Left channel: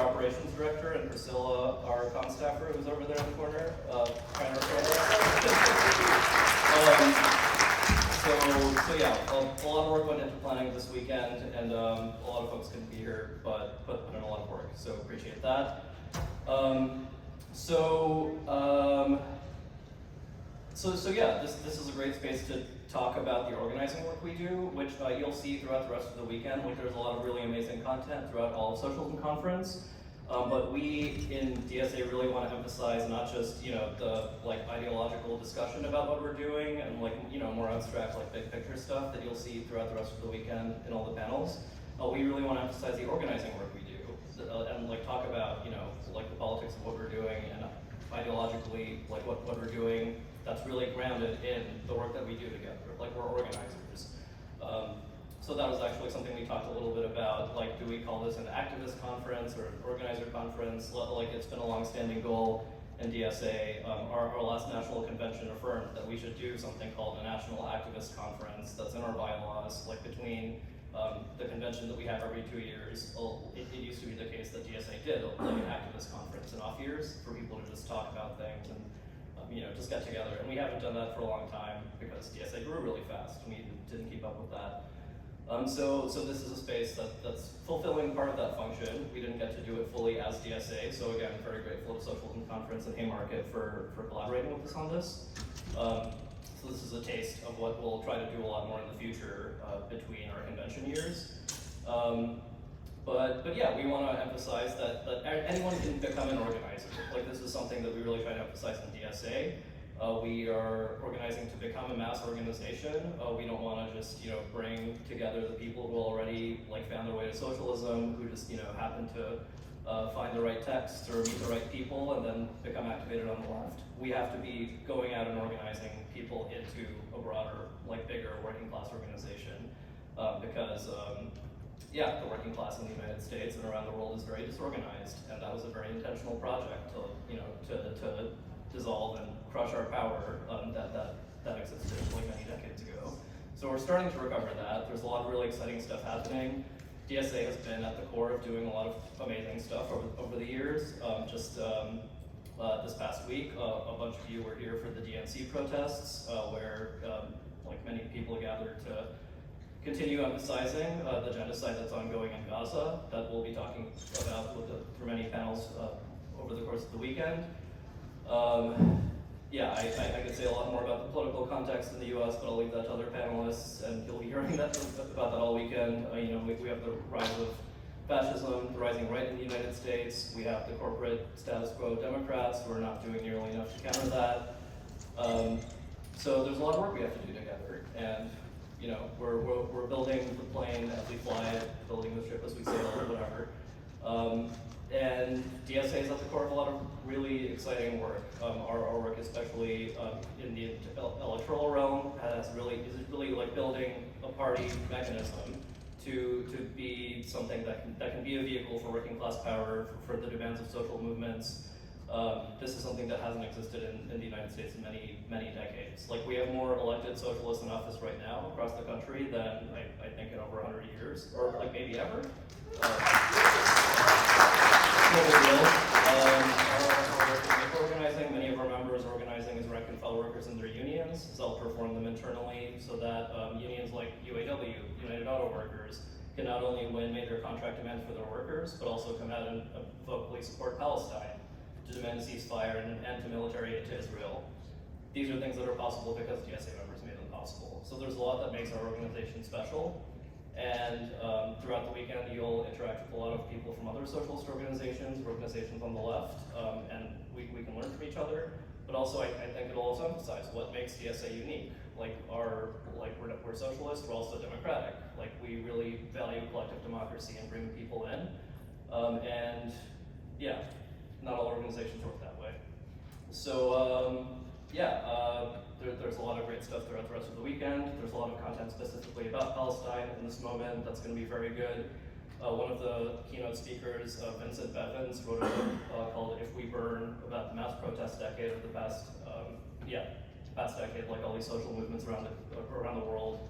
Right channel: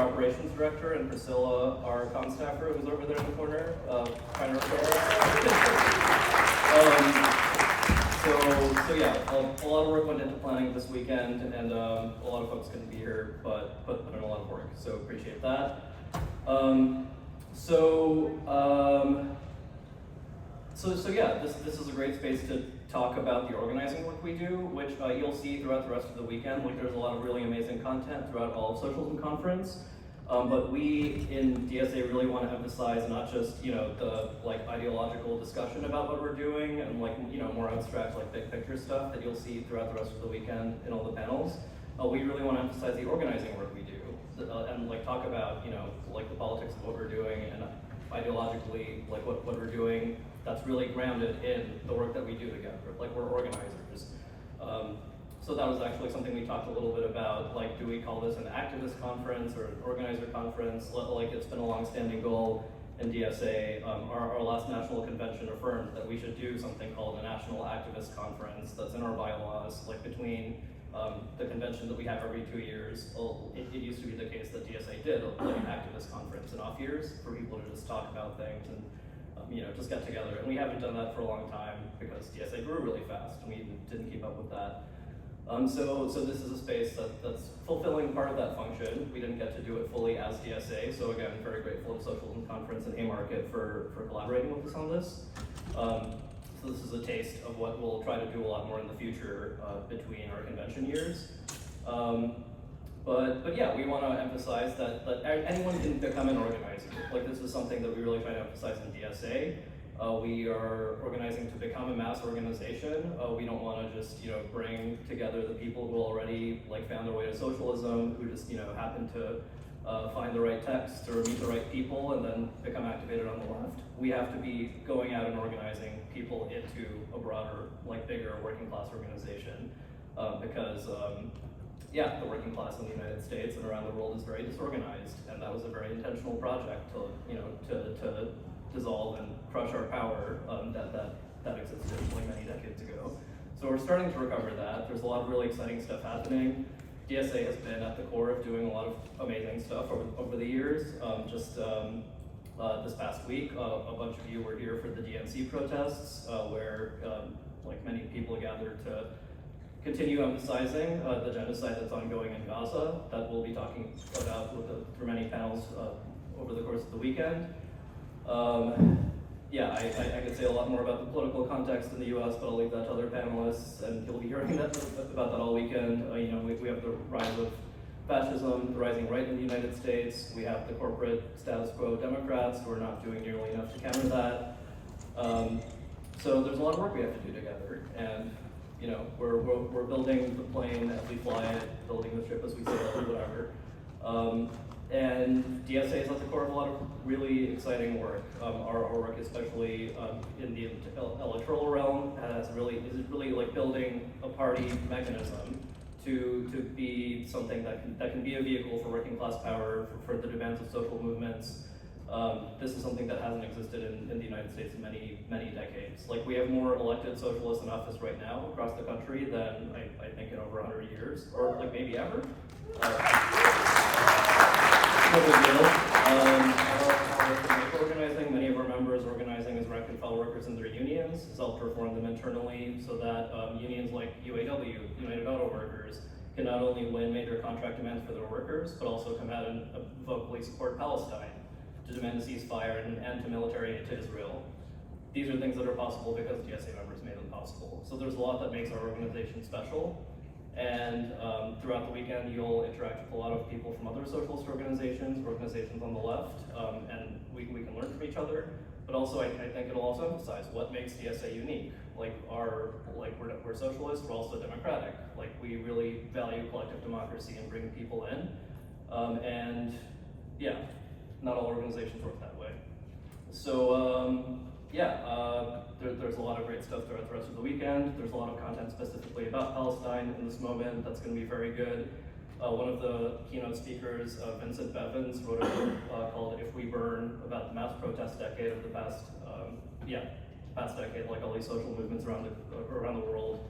operations director, and Priscilla, our comm staffer, who's over there in the corner, trying to record us. So yeah, a lot of work went into planning this weekend, and a lot of folks couldn't be here, but put in a lot of work, so appreciate that. So yeah, this is a great space to talk about the organizing work we do, which you'll see throughout the rest of the weekend. Like, there's a lot of really amazing content throughout all of Socialism Conference. But we in DSA really want to emphasize not just the ideological discussion about what we're doing and more abstract big picture stuff that you'll see throughout the rest of the weekend in all the panels. We really want to emphasize the organizing work we do and talk about the politics of what we're doing and ideologically what we're doing that's really grounded in the work that we do together. We're organizers. So that was actually something we talked a little bit about, do we call this an activist conference or an organizer conference? It's been a long-standing goal in DSA. Our last national convention affirmed that we should do something called a national activist conference that's in our bylaws, between the convention that we have every 2 years. It used to be the case that DSA did an activist conference in off years for people to just talk about things and just get together. And we haven't done that for a long time because DSA grew really fast and we didn't keep up with that. So this is a space that's fulfilling part of that function. We didn't get to do it fully as DSA, so again, very grateful to Socialism Conference and Haymarket for collaborating with us on this. So this is a taste of what we'll try to do a lot more in the future between our convention years. But yeah, we want to emphasize that anyone can become an organizer. This is something that we really try to emphasize in DSA. We are organizing to become a mass organization. We don't want to just bring together the people who already found their way to socialism, who just happen to find the right text or meet the right people and then become activated on the left. We have to be going out and organizing people into a broader, bigger working class organization because the working class in the United States and around the world is very disorganized, and that was a very intentional project to dissolve and crush our power that existed many decades ago. So we're starting to recover that. There's a lot of really exciting stuff happening. DSA has been at the core of doing a lot of amazing stuff over the years. This past week, a bunch of you were here for the DNC protests, where many people gathered to continue emphasizing the genocide that's ongoing in Gaza, that we'll be talking about through many panels over the course of the weekend. I could say a lot more about the political context in the US, but I'll leave that to other panelists, and you'll be hearing about that all weekend. We have the rise of fascism, the rising right in the United States. We have the corporate status quo Democrats who are not doing nearly enough to counter that. So there's a lot of work we have to do together, and we're building the plane as we fly it, building the ship as we sail it, whatever. And DSA is at the core of a lot of really exciting work. Our work, especially in the electoral realm, is really building a party mechanism to be something that can be a vehicle for working class power, for the demands of social movements. This is something that hasn't existed in the United States in many decades. We have more elected socialists in office right now across the country than I think in over 100 years, or maybe ever. No big deal. Our organizing, many of our members organizing as rank and file workers in their unions, self-perform them internally so that unions like UAW, United Auto Workers, can not only win major contract demands for their workers, but also come out and vocally support Palestine, to demand a ceasefire and an end to military aid to Israel. These are things that are possible because DSA members made them possible. So there's a lot that makes our organization special. And throughout the weekend, you'll interact with a lot of people from other socialist organizations on the left, and we can learn from each other. But also, I think it'll also emphasize what makes DSA unique. We're socialist, we're also democratic. We really value collective democracy and bring people in. Not all organizations work that way. So there's a lot of great stuff throughout the rest of the weekend. There's a lot of content specifically about Palestine in this moment that's going to be very good. One of the keynote speakers, Vincent Bevins, wrote a book called "If We Burn" about the mass protest decade of the past decade, all these social movements around the world.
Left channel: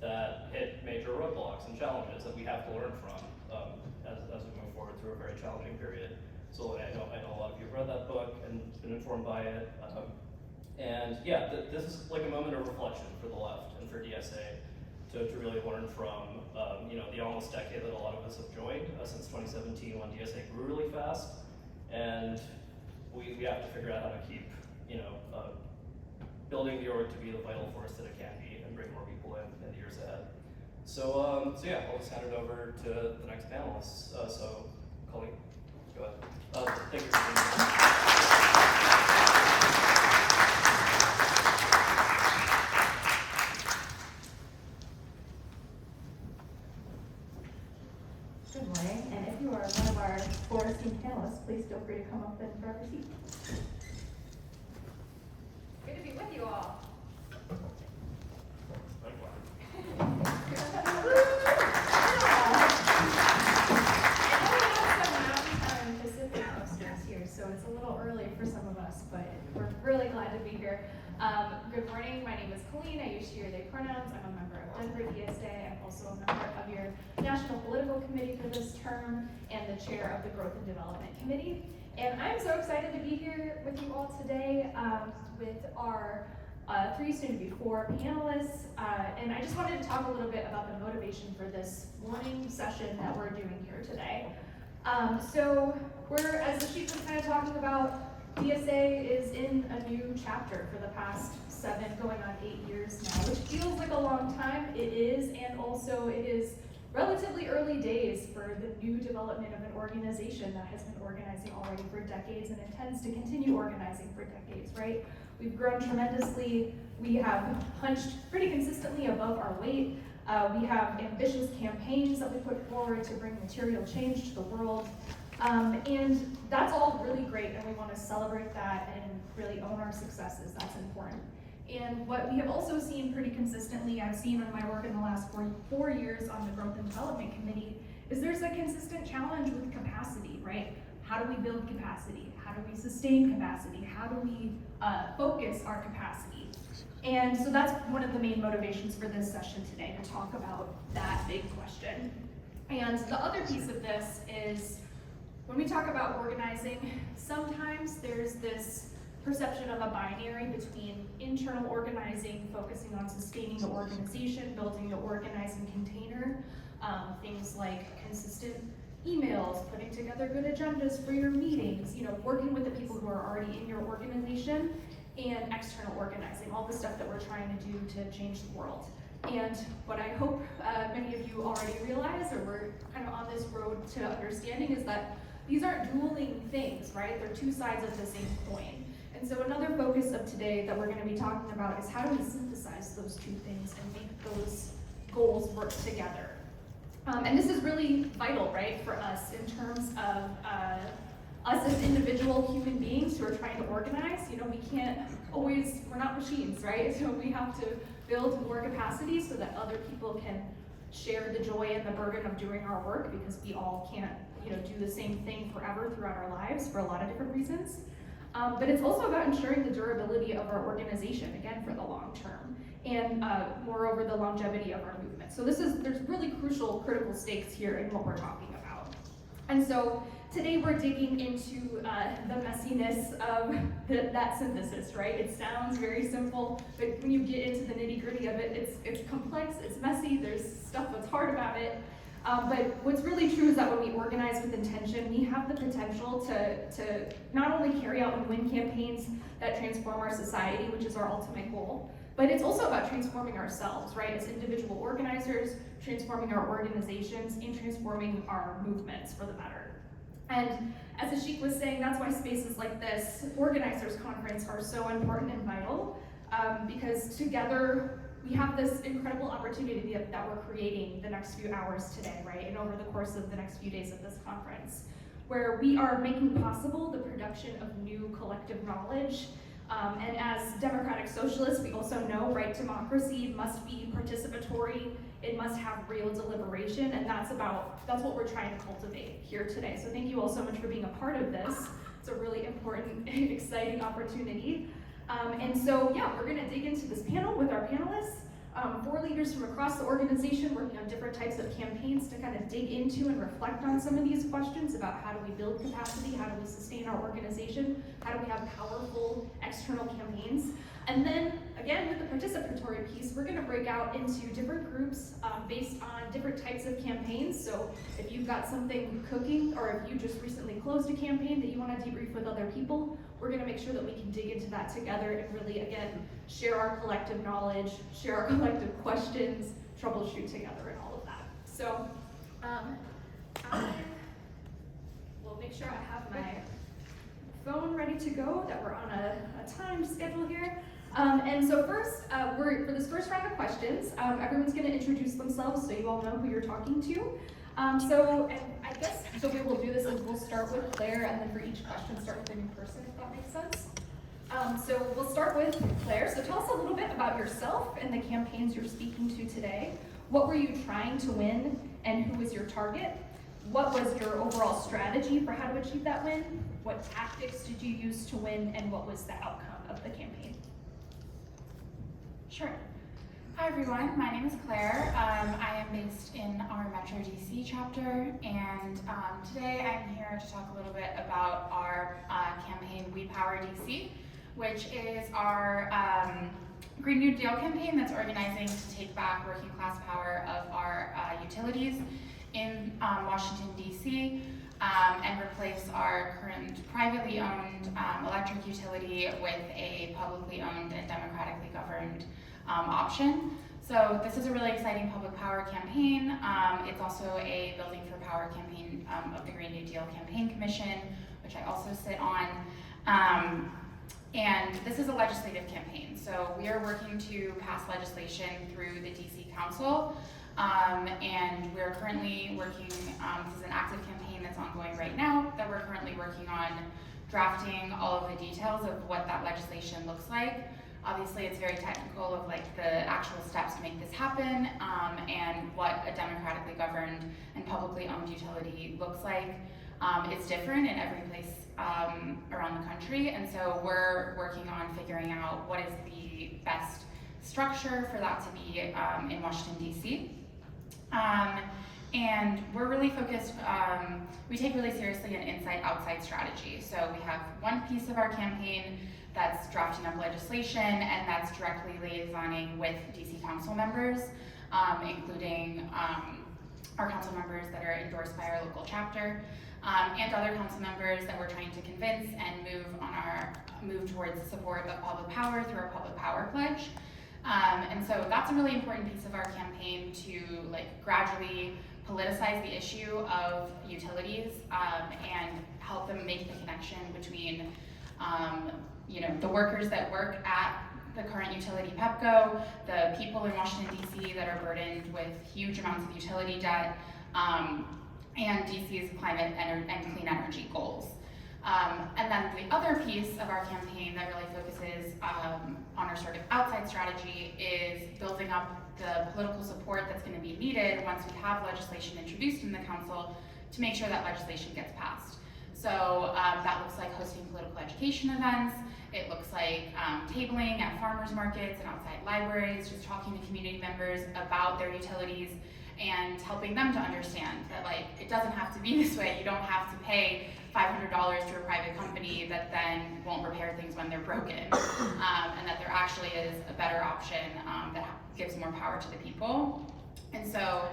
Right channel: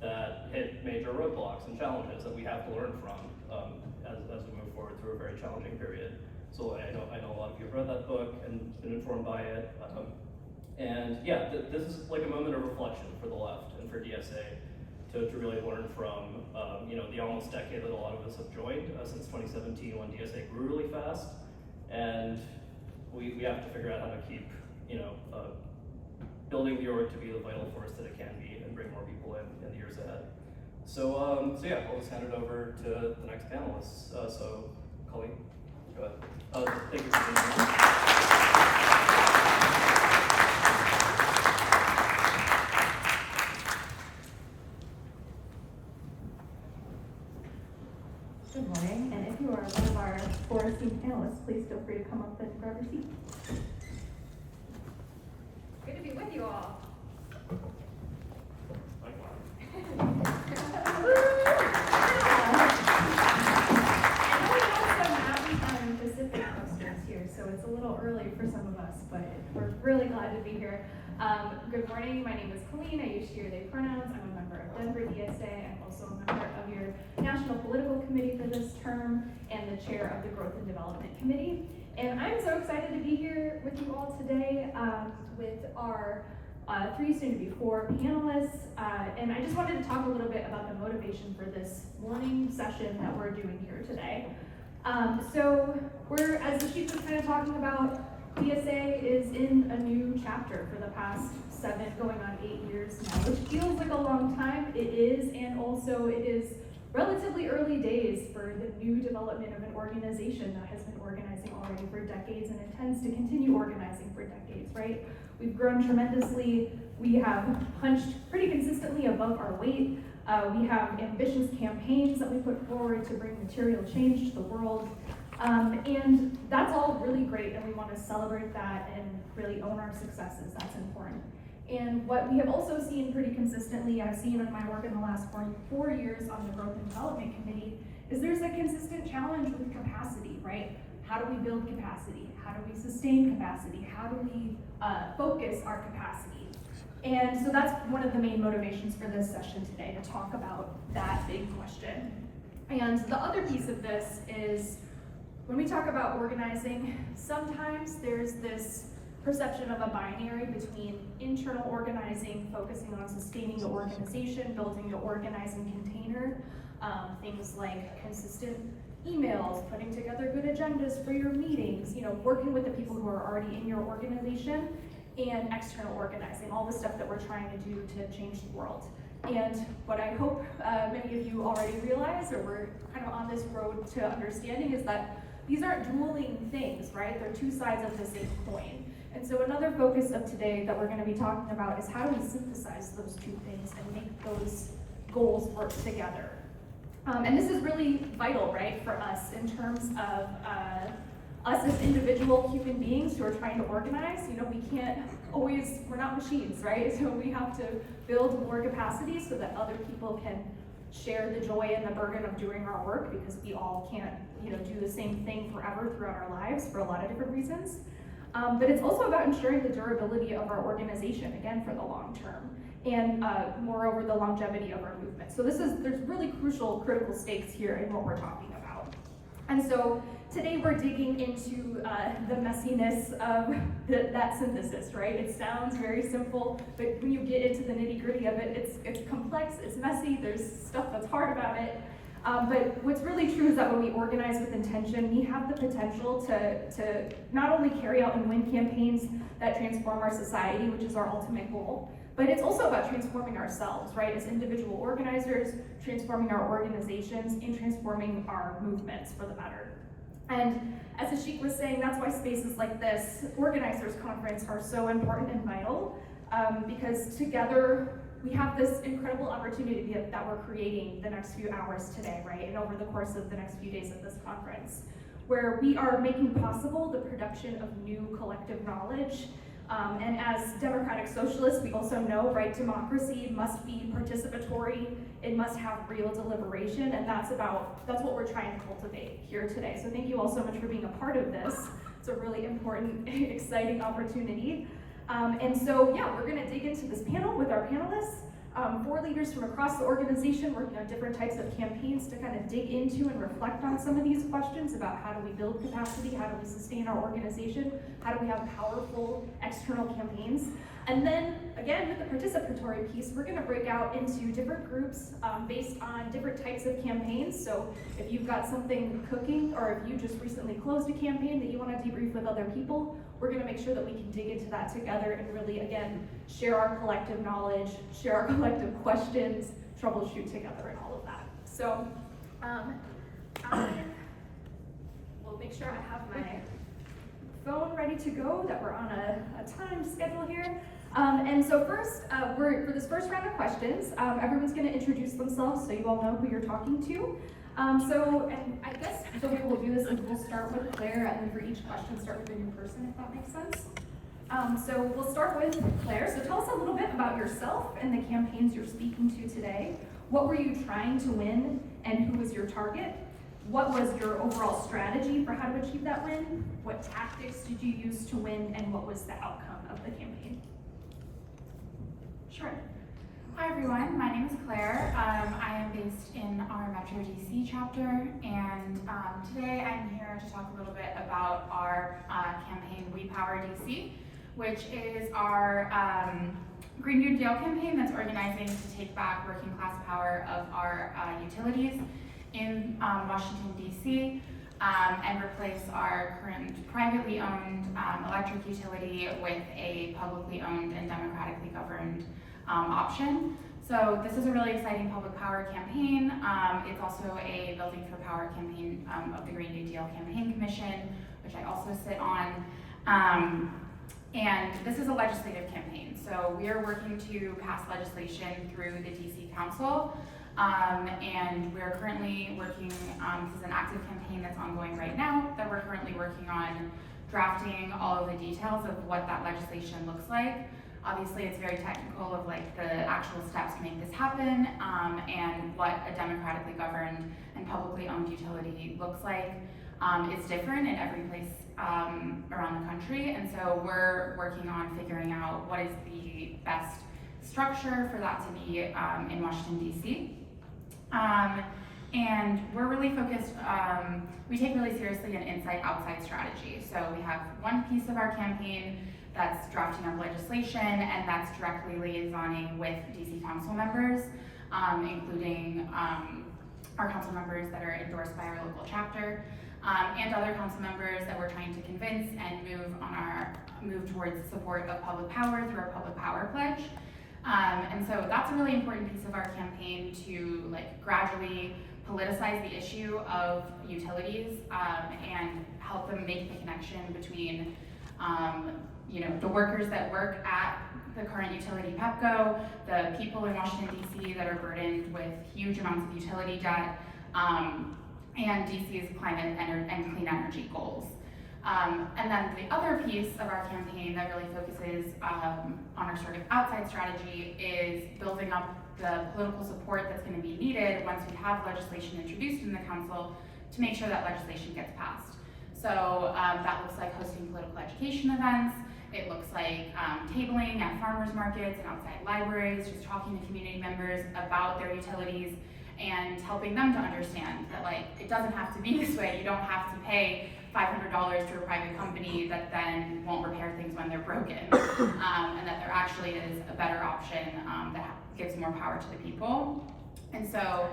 that hit major roadblocks and challenges that we have to learn from as we move forward through a very challenging period. So I know a lot of you have read that book and been informed by it. And yeah, this is like a moment of reflection for the left and for DSA to really learn from the almost decade that a lot of us have joined since 2017 when DSA grew really fast. And we have to figure out how to keep building the org to be the vital force that it can be and bring more people in the years ahead. So yeah, I'll just hand it over to the next panelists. So Colleen, go ahead. Thank you for being here. Good morning, and if you are one of our 4 esteemed panelists, please feel free to come up and grab your seat. Good to be with you all. Pacific coasters here, so it's a little early for some of us, but we're really glad to be here. Good morning, my name is Colleen. I use she or they pronouns. I'm a member of Denver DSA. I'm also a member of your National Political Committee for this term and the chair of the Growth and Development Committee. And I'm so excited to be here with you all today with our 3 soon to be 4 panelists. And I just wanted to talk a little bit about the motivation for this morning session that we're doing here today. So we're, as the chief was kind of talking about, DSA is in a new chapter for the past 7, going on 8 years now, which feels like a long time. It is, and also it is relatively early days for the new development of an organization that has been organizing already for decades and intends to continue organizing for decades, right? We've grown tremendously. We have punched pretty consistently above our weight. We have ambitious campaigns that we put forward to bring material change to the world. And that's all really great, and we want to celebrate that and really own our successes. That's important. And what we have also seen pretty consistently, I've seen in my work in the last 4 years on the Growth and Development Committee, is there's a consistent challenge with capacity, right? How do we build capacity? How do we sustain capacity? How do we focus our capacity? And so that's one of the main motivations for this session today, to talk about that big question. And the other piece of this is, when we talk about organizing, sometimes there's this perception of a binary between internal organizing, focusing on sustaining the organization, building the organizing container, things like consistent emails, putting together good agendas for your meetings, working with the people who are already in your organization, and external organizing, all the stuff that we're trying to do to change the world. And what I hope many of you already realize, or we're kind of on this road to understanding, is that these aren't dueling things, right? They're 2 sides of the same coin. And so another focus of today that we're going to be talking about is how do we synthesize those 2 things and make those goals work together. And this is really vital, right, for us in terms of us as individual human beings who are trying to organize. We can't always, we're not machines, right? So we have to build more capacity so that other people can share the joy and the burden of doing our work, because we all can't do the same thing forever throughout our lives for a lot of different reasons. But it's also about ensuring the durability of our organization, again, for the long term, and moreover, the longevity of our movement. So there's really critical stakes here in what we're talking about. And so today we're digging into the messiness of that synthesis, right? It sounds very simple, but when you get into the nitty-gritty of it, it's complex, it's messy, there's stuff that's hard about it. But what's really true is that when we organize with intention, we have the potential to not only carry out and win campaigns that transform our society, which is our ultimate goal, but it's also about transforming ourselves, right? As individual organizers, transforming our organizations, and transforming our movements for the better. And as Ashik was saying, that's why spaces like this, Organizers Conference, are so important and vital, because together we have this incredible opportunity that we're creating the next few hours today, right? And over the course of the next few days of this conference, where we are making possible the production of new collective knowledge. And as democratic socialists, we also know, right, democracy must be participatory, it must have real deliberation, and that's what we're trying to cultivate here today. So thank you all so much for being a part of this. It's a really important, exciting opportunity. And so, yeah, we're gonna dig into this panel with our panelists. 4 leaders from across the organization working on different types of campaigns to kind of dig into and reflect on some of these questions about how do we build capacity, how do we sustain our organization, how do we have powerful external campaigns. And then, again, with the participatory piece, we're gonna break out into different groups based on different types of campaigns. So if you've got something cooking, or if you just recently closed a campaign that you wanna debrief with other people, we're gonna make sure that we can dig into that together and really, again, share our collective knowledge, share our collective questions, troubleshoot together and all of that. So, I will make sure I have my phone ready to go, that we're on a time schedule here. And so first, for this first round of questions, everyone's gonna introduce themselves so you all know who you're talking to. And I guess the way we'll do this is we'll start with Claire, and then for each question, start with a new person, if that makes sense. So we'll start with Claire. So tell us a little bit about yourself and the campaigns you're speaking to today. What were you trying to win, and who was your target? What was your overall strategy for how to achieve that win? What tactics did you use to win, and what was the outcome of the campaign? Sure. Hi everyone, my name is Claire. I am based in our Metro DC chapter, and today I'm here to talk a little bit about our campaign We Power DC, which is our Green New Deal campaign that's organizing to take back working class power of our utilities in Washington DC and replace our current privately owned electric utility with a publicly owned and democratically governed option. So this is a really exciting public power campaign. It's also a Building for Power campaign of the Green New Deal Campaign Commission, which I also sit on. And this is a legislative campaign. So we are working to pass legislation through the DC Council. And we're currently working, this is an active campaign that's ongoing right now, that we're currently working on drafting all of the details of what that legislation looks like. Obviously, it's very technical of like the actual steps to make this happen, and what a democratically governed and publicly owned utility looks like. It's different in every place around the country, and so we're working on figuring out what is the best structure for that to be in Washington, DC. And we're really focused, we take really seriously an inside-outside strategy. So we have one piece of our campaign that's drafting up legislation, and that's directly liaisoning with DC council members, including our council members that are endorsed by our local chapter, and other council members that we're trying to convince and move towards the support of public power through our public power pledge. And so that's a really important piece of our campaign to like gradually politicize the issue of utilities and help them make the connection between the workers that work at the current utility PEPCO, the people in Washington DC that are burdened with huge amounts of utility debt, and DC's climate and clean energy goals. And then the other piece of our campaign that really focuses on our sort of outside strategy is building up the political support that's going to be needed once we have legislation introduced in the council to make sure that legislation gets passed. So that looks like hosting political education events. It looks like tabling at farmers markets and outside libraries, just talking to community members about their utilities and helping them to understand that like it doesn't have to be this way. You don't have to pay $500 to a private company that then won't repair things when they're broken, and that there actually is a better option that gives more power to the people. And so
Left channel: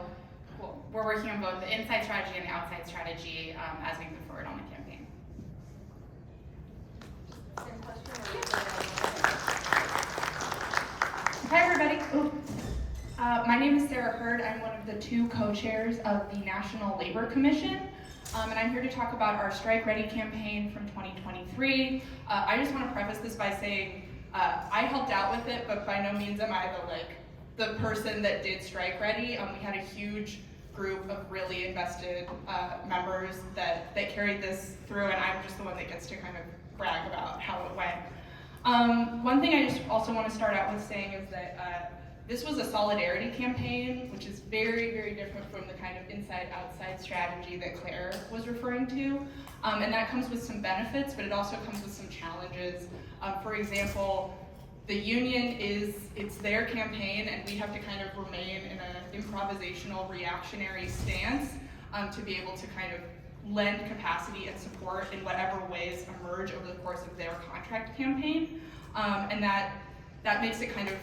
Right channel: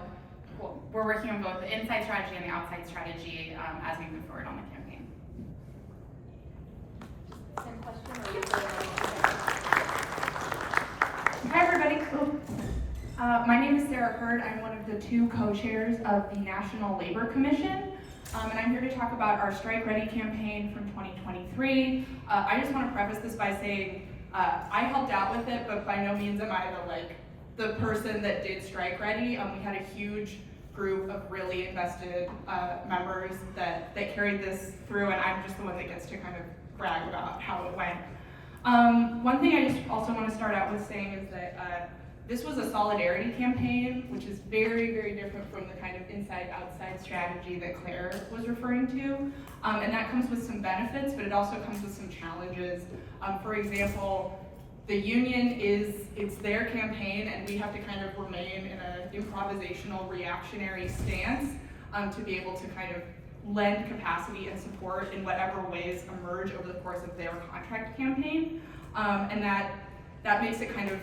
we're working on both the inside strategy and the outside strategy as we move forward on the campaign. Same question, or is there Hi everybody. My name is Sarah Hurd. I'm one of the 2 co-chairs of the National Labor Commission. And I'm here to talk about our Strike Ready campaign from 2023. I just want to preface this by saying I helped out with it, but by no means am I the person that did Strike Ready. We had a huge group of really invested members that carried this through, and I'm just the one that gets to kind of brag about how it went. One thing I just also want to start out with saying is that this was a solidarity campaign, which is very, very different from the kind of inside-outside strategy that Claire was referring to. And that comes with some benefits, but it also comes with some challenges. For example, the union it's their campaign, and we have to kind of remain in an improvisational, reactionary stance to be able to kind of lend capacity and support in whatever ways emerge over the course of their contract campaign. And that makes it kind of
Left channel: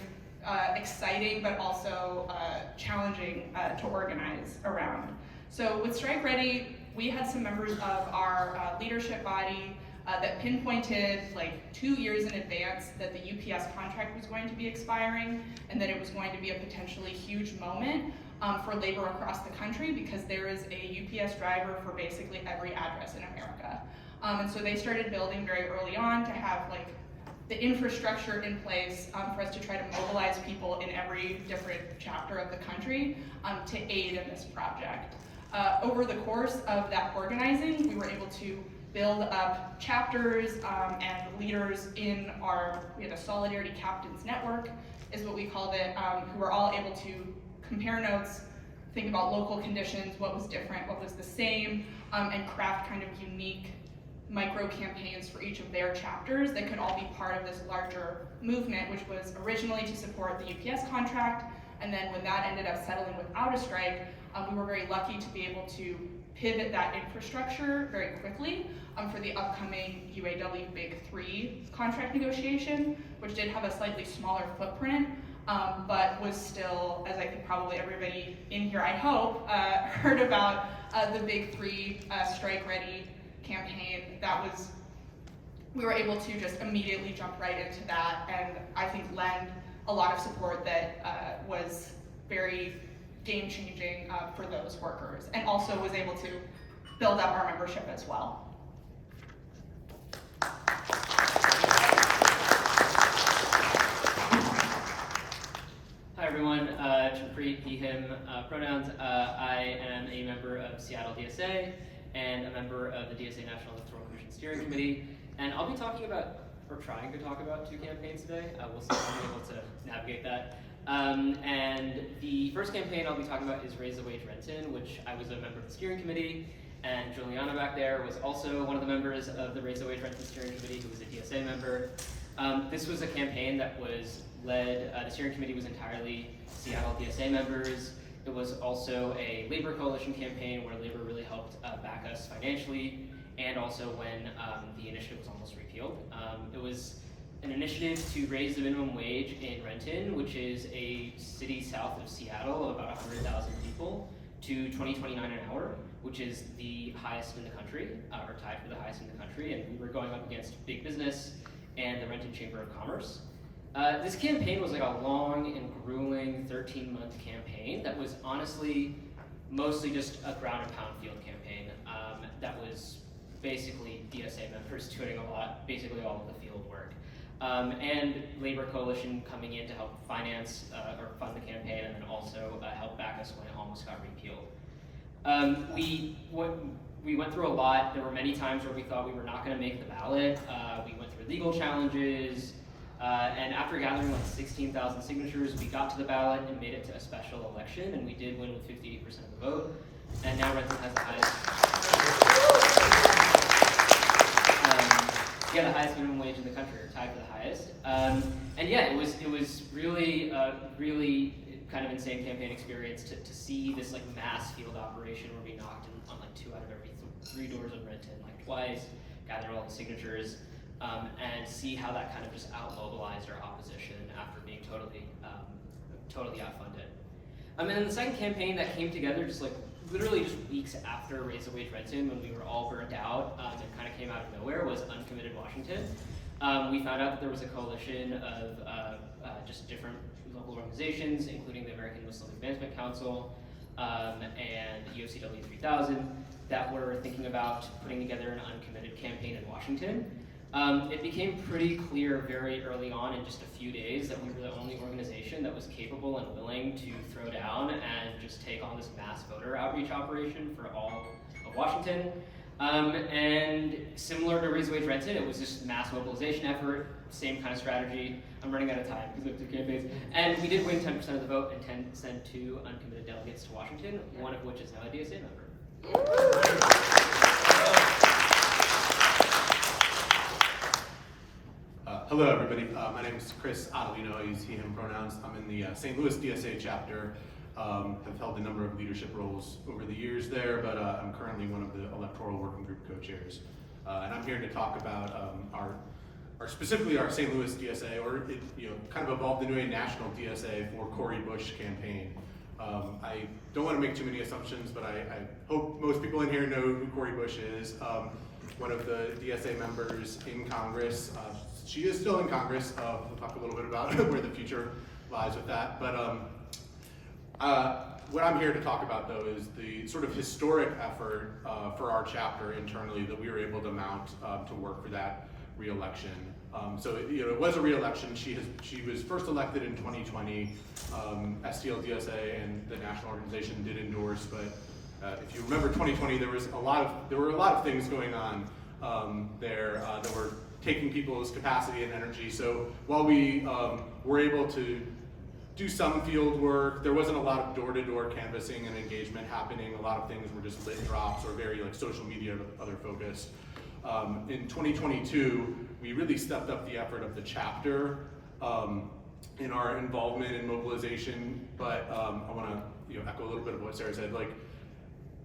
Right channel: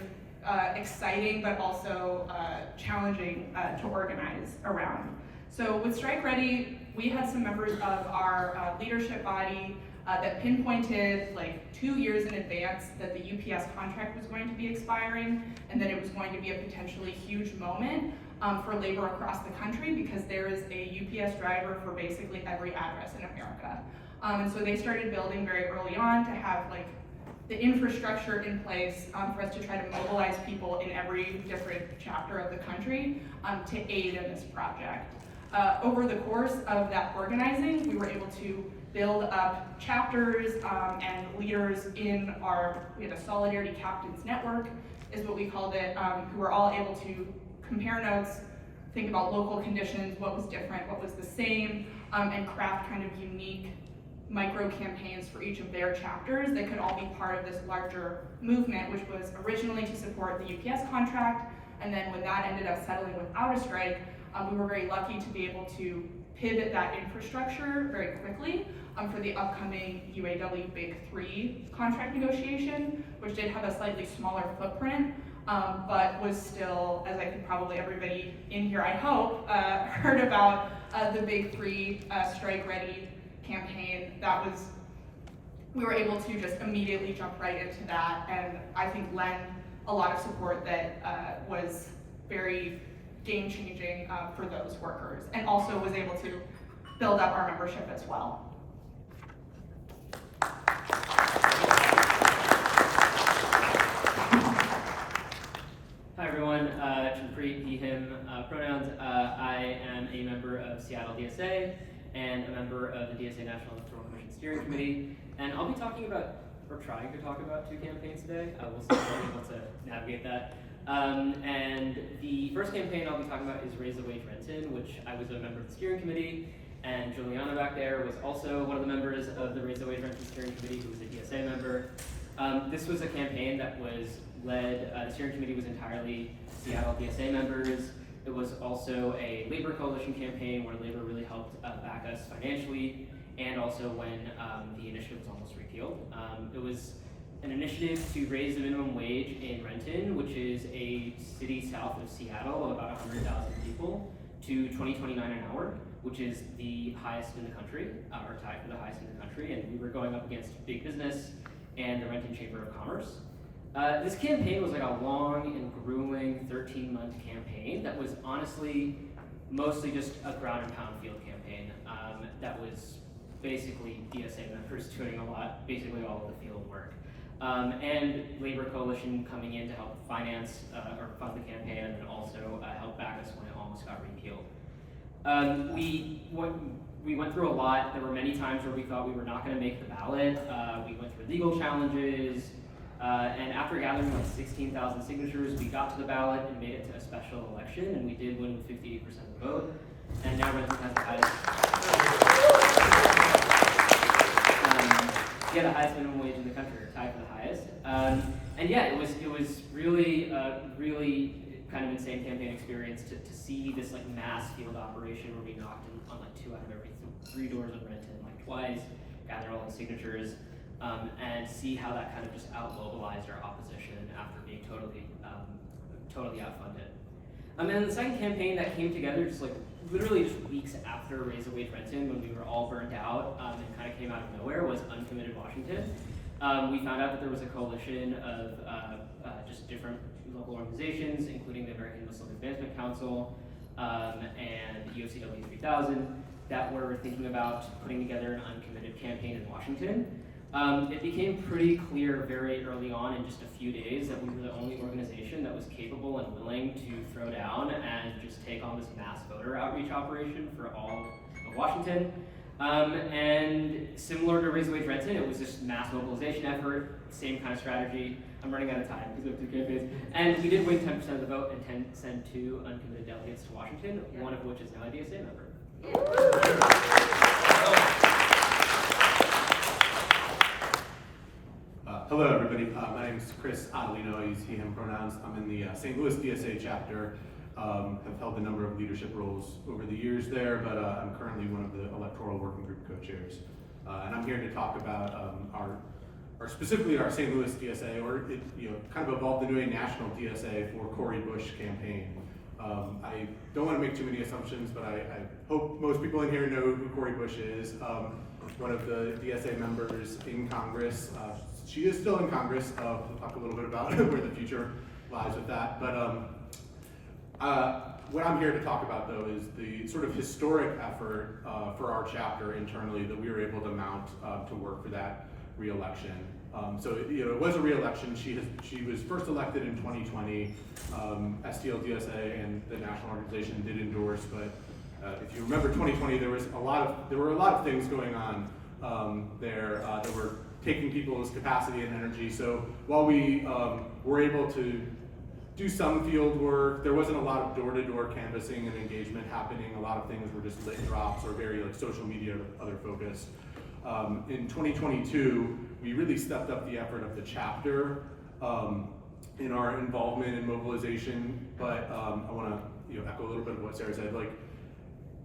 exciting, but also challenging to organize around. So with Strike Ready, we had some members of our leadership body that pinpointed like 2 years in advance that the UPS contract was going to be expiring, and that it was going to be a potentially huge moment for labor across the country, because there is a UPS driver for basically every address in America. And so they started building very early on to have like the infrastructure in place for us to try to mobilize people in every different chapter of the country to aid in this project. Over the course of that organizing, we were able to build up chapters and leaders in we had a Solidarity Captains Network, is what we called it, who were all able to compare notes, think about local conditions, what was different, what was the same, and craft kind of unique micro campaigns for each of their chapters that could all be part of this larger movement, which was originally to support the UPS contract, and then when that ended up settling without a strike, we were very lucky to be able to pivot that infrastructure very quickly for the upcoming UAW Big 3 contract negotiation, which did have a slightly smaller footprint, but was still, as I think probably everybody in here, I hope, heard about the Big 3 Strike Ready campaign. We were able to just immediately jump right into that, and I think lend a lot of support that was very game-changing for those workers, and also was able to build up our membership as well. Hi everyone, Chanpreet, he, him pronouns. I am a member of Seattle DSA and a member of the DSA National Electoral Commission Steering Committee, and I'll be talking about, or trying to talk about, 2 campaigns today. We'll see if we're able to navigate that. And the first campaign I'll be talking about is Raise the Wage Renton, which I was a member of the steering committee, and Juliana back there was also one of the members of the Raise the Wage Renton steering committee, who was a DSA member. This was a campaign that was led, the steering committee was entirely Seattle DSA members. It was also a labor coalition campaign where labor really helped back us financially, and also when the initiative was almost repealed. It was an initiative to raise the minimum wage in Renton, which is a city south of Seattle of about 100,000 people, to $20.29 an hour, which is the highest in the country, or tied for the highest in the country, and we were going up against big business and the Renton Chamber of Commerce. This campaign was like a long and grueling 13-month campaign that was honestly mostly just a ground and pound field campaign that was basically DSA members doing basically all of the field work. And Labor Coalition coming in to help finance or fund the campaign, and then also help back us when it almost got repealed. We went through a lot. There were many times where we thought we were not going to make the ballot. We went through legal challenges, and after gathering like 16,000 signatures, we got to the ballot and made it to a special election, and we did win with 58% of the vote. And now Renton has the highest. The highest minimum wage in the country, or tied for the highest. And yeah, it was really, really kind of insane campaign experience to see this like mass field operation where we knocked on like 2 out of every 3 doors in Renton, like twice, gather all the signatures, and see how that kind of just out-mobilized our opposition after being totally outfunded. And then the second campaign that came together just like literally just weeks after Raise the Wage Renton, when we were all burnt out and kind of came out of nowhere, was Uncommitted Washington. We found out that there was a coalition of just different local organizations, including the American Muslim Advancement Council and UFCW 3000, that were thinking about putting together an uncommitted campaign in Washington. It became pretty clear very early on, in just a few days, that we were the only organization that was capable and willing to throw down and just take on this mass voter outreach operation for all of Washington. And similar to Raise the Wage Renton, it was just mass mobilization effort, same kind of strategy. I'm running out of time because we have 2 campaigns. And we did win 10% of the vote and send 2 uncommitted delegates to Washington, one of which is now a DSA member. Hello, everybody. My name is Chris Ottolino. I use he, him pronouns. I'm in the St. Louis DSA chapter. Have held a number of leadership roles over the years there, but I'm currently one of the Electoral Working Group co-chairs. And I'm here to talk about specifically our St. Louis DSA, or it kind of evolved into a national DSA for Cori Bush campaign. I don't want to make too many assumptions, but I hope most people in here know who Cori Bush is. One of the DSA members in Congress. She is still in Congress. We'll talk a little bit about where the future lies with that. But what I'm here to talk about, though, is the sort of historic effort for our chapter internally that we were able to mount to work for that re-election. So it was a re-election. She was first elected in 2020. STL DSA and the national organization did endorse, but if you remember 2020, there were a lot of things going on there that were taking people's capacity and energy. So while we were able to do some field work, there wasn't a lot of door-to-door canvassing and engagement happening. A lot of things were just lit drops or very social media other focused. In 2022, we really stepped up the effort of the chapter in our involvement in mobilization. But I want to echo a little bit of what Sarah said.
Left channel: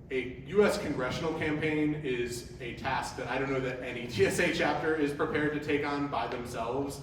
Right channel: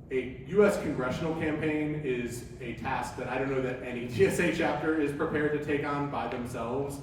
A U.S. congressional campaign is a task that I don't know that any DSA chapter is prepared to take on by themselves.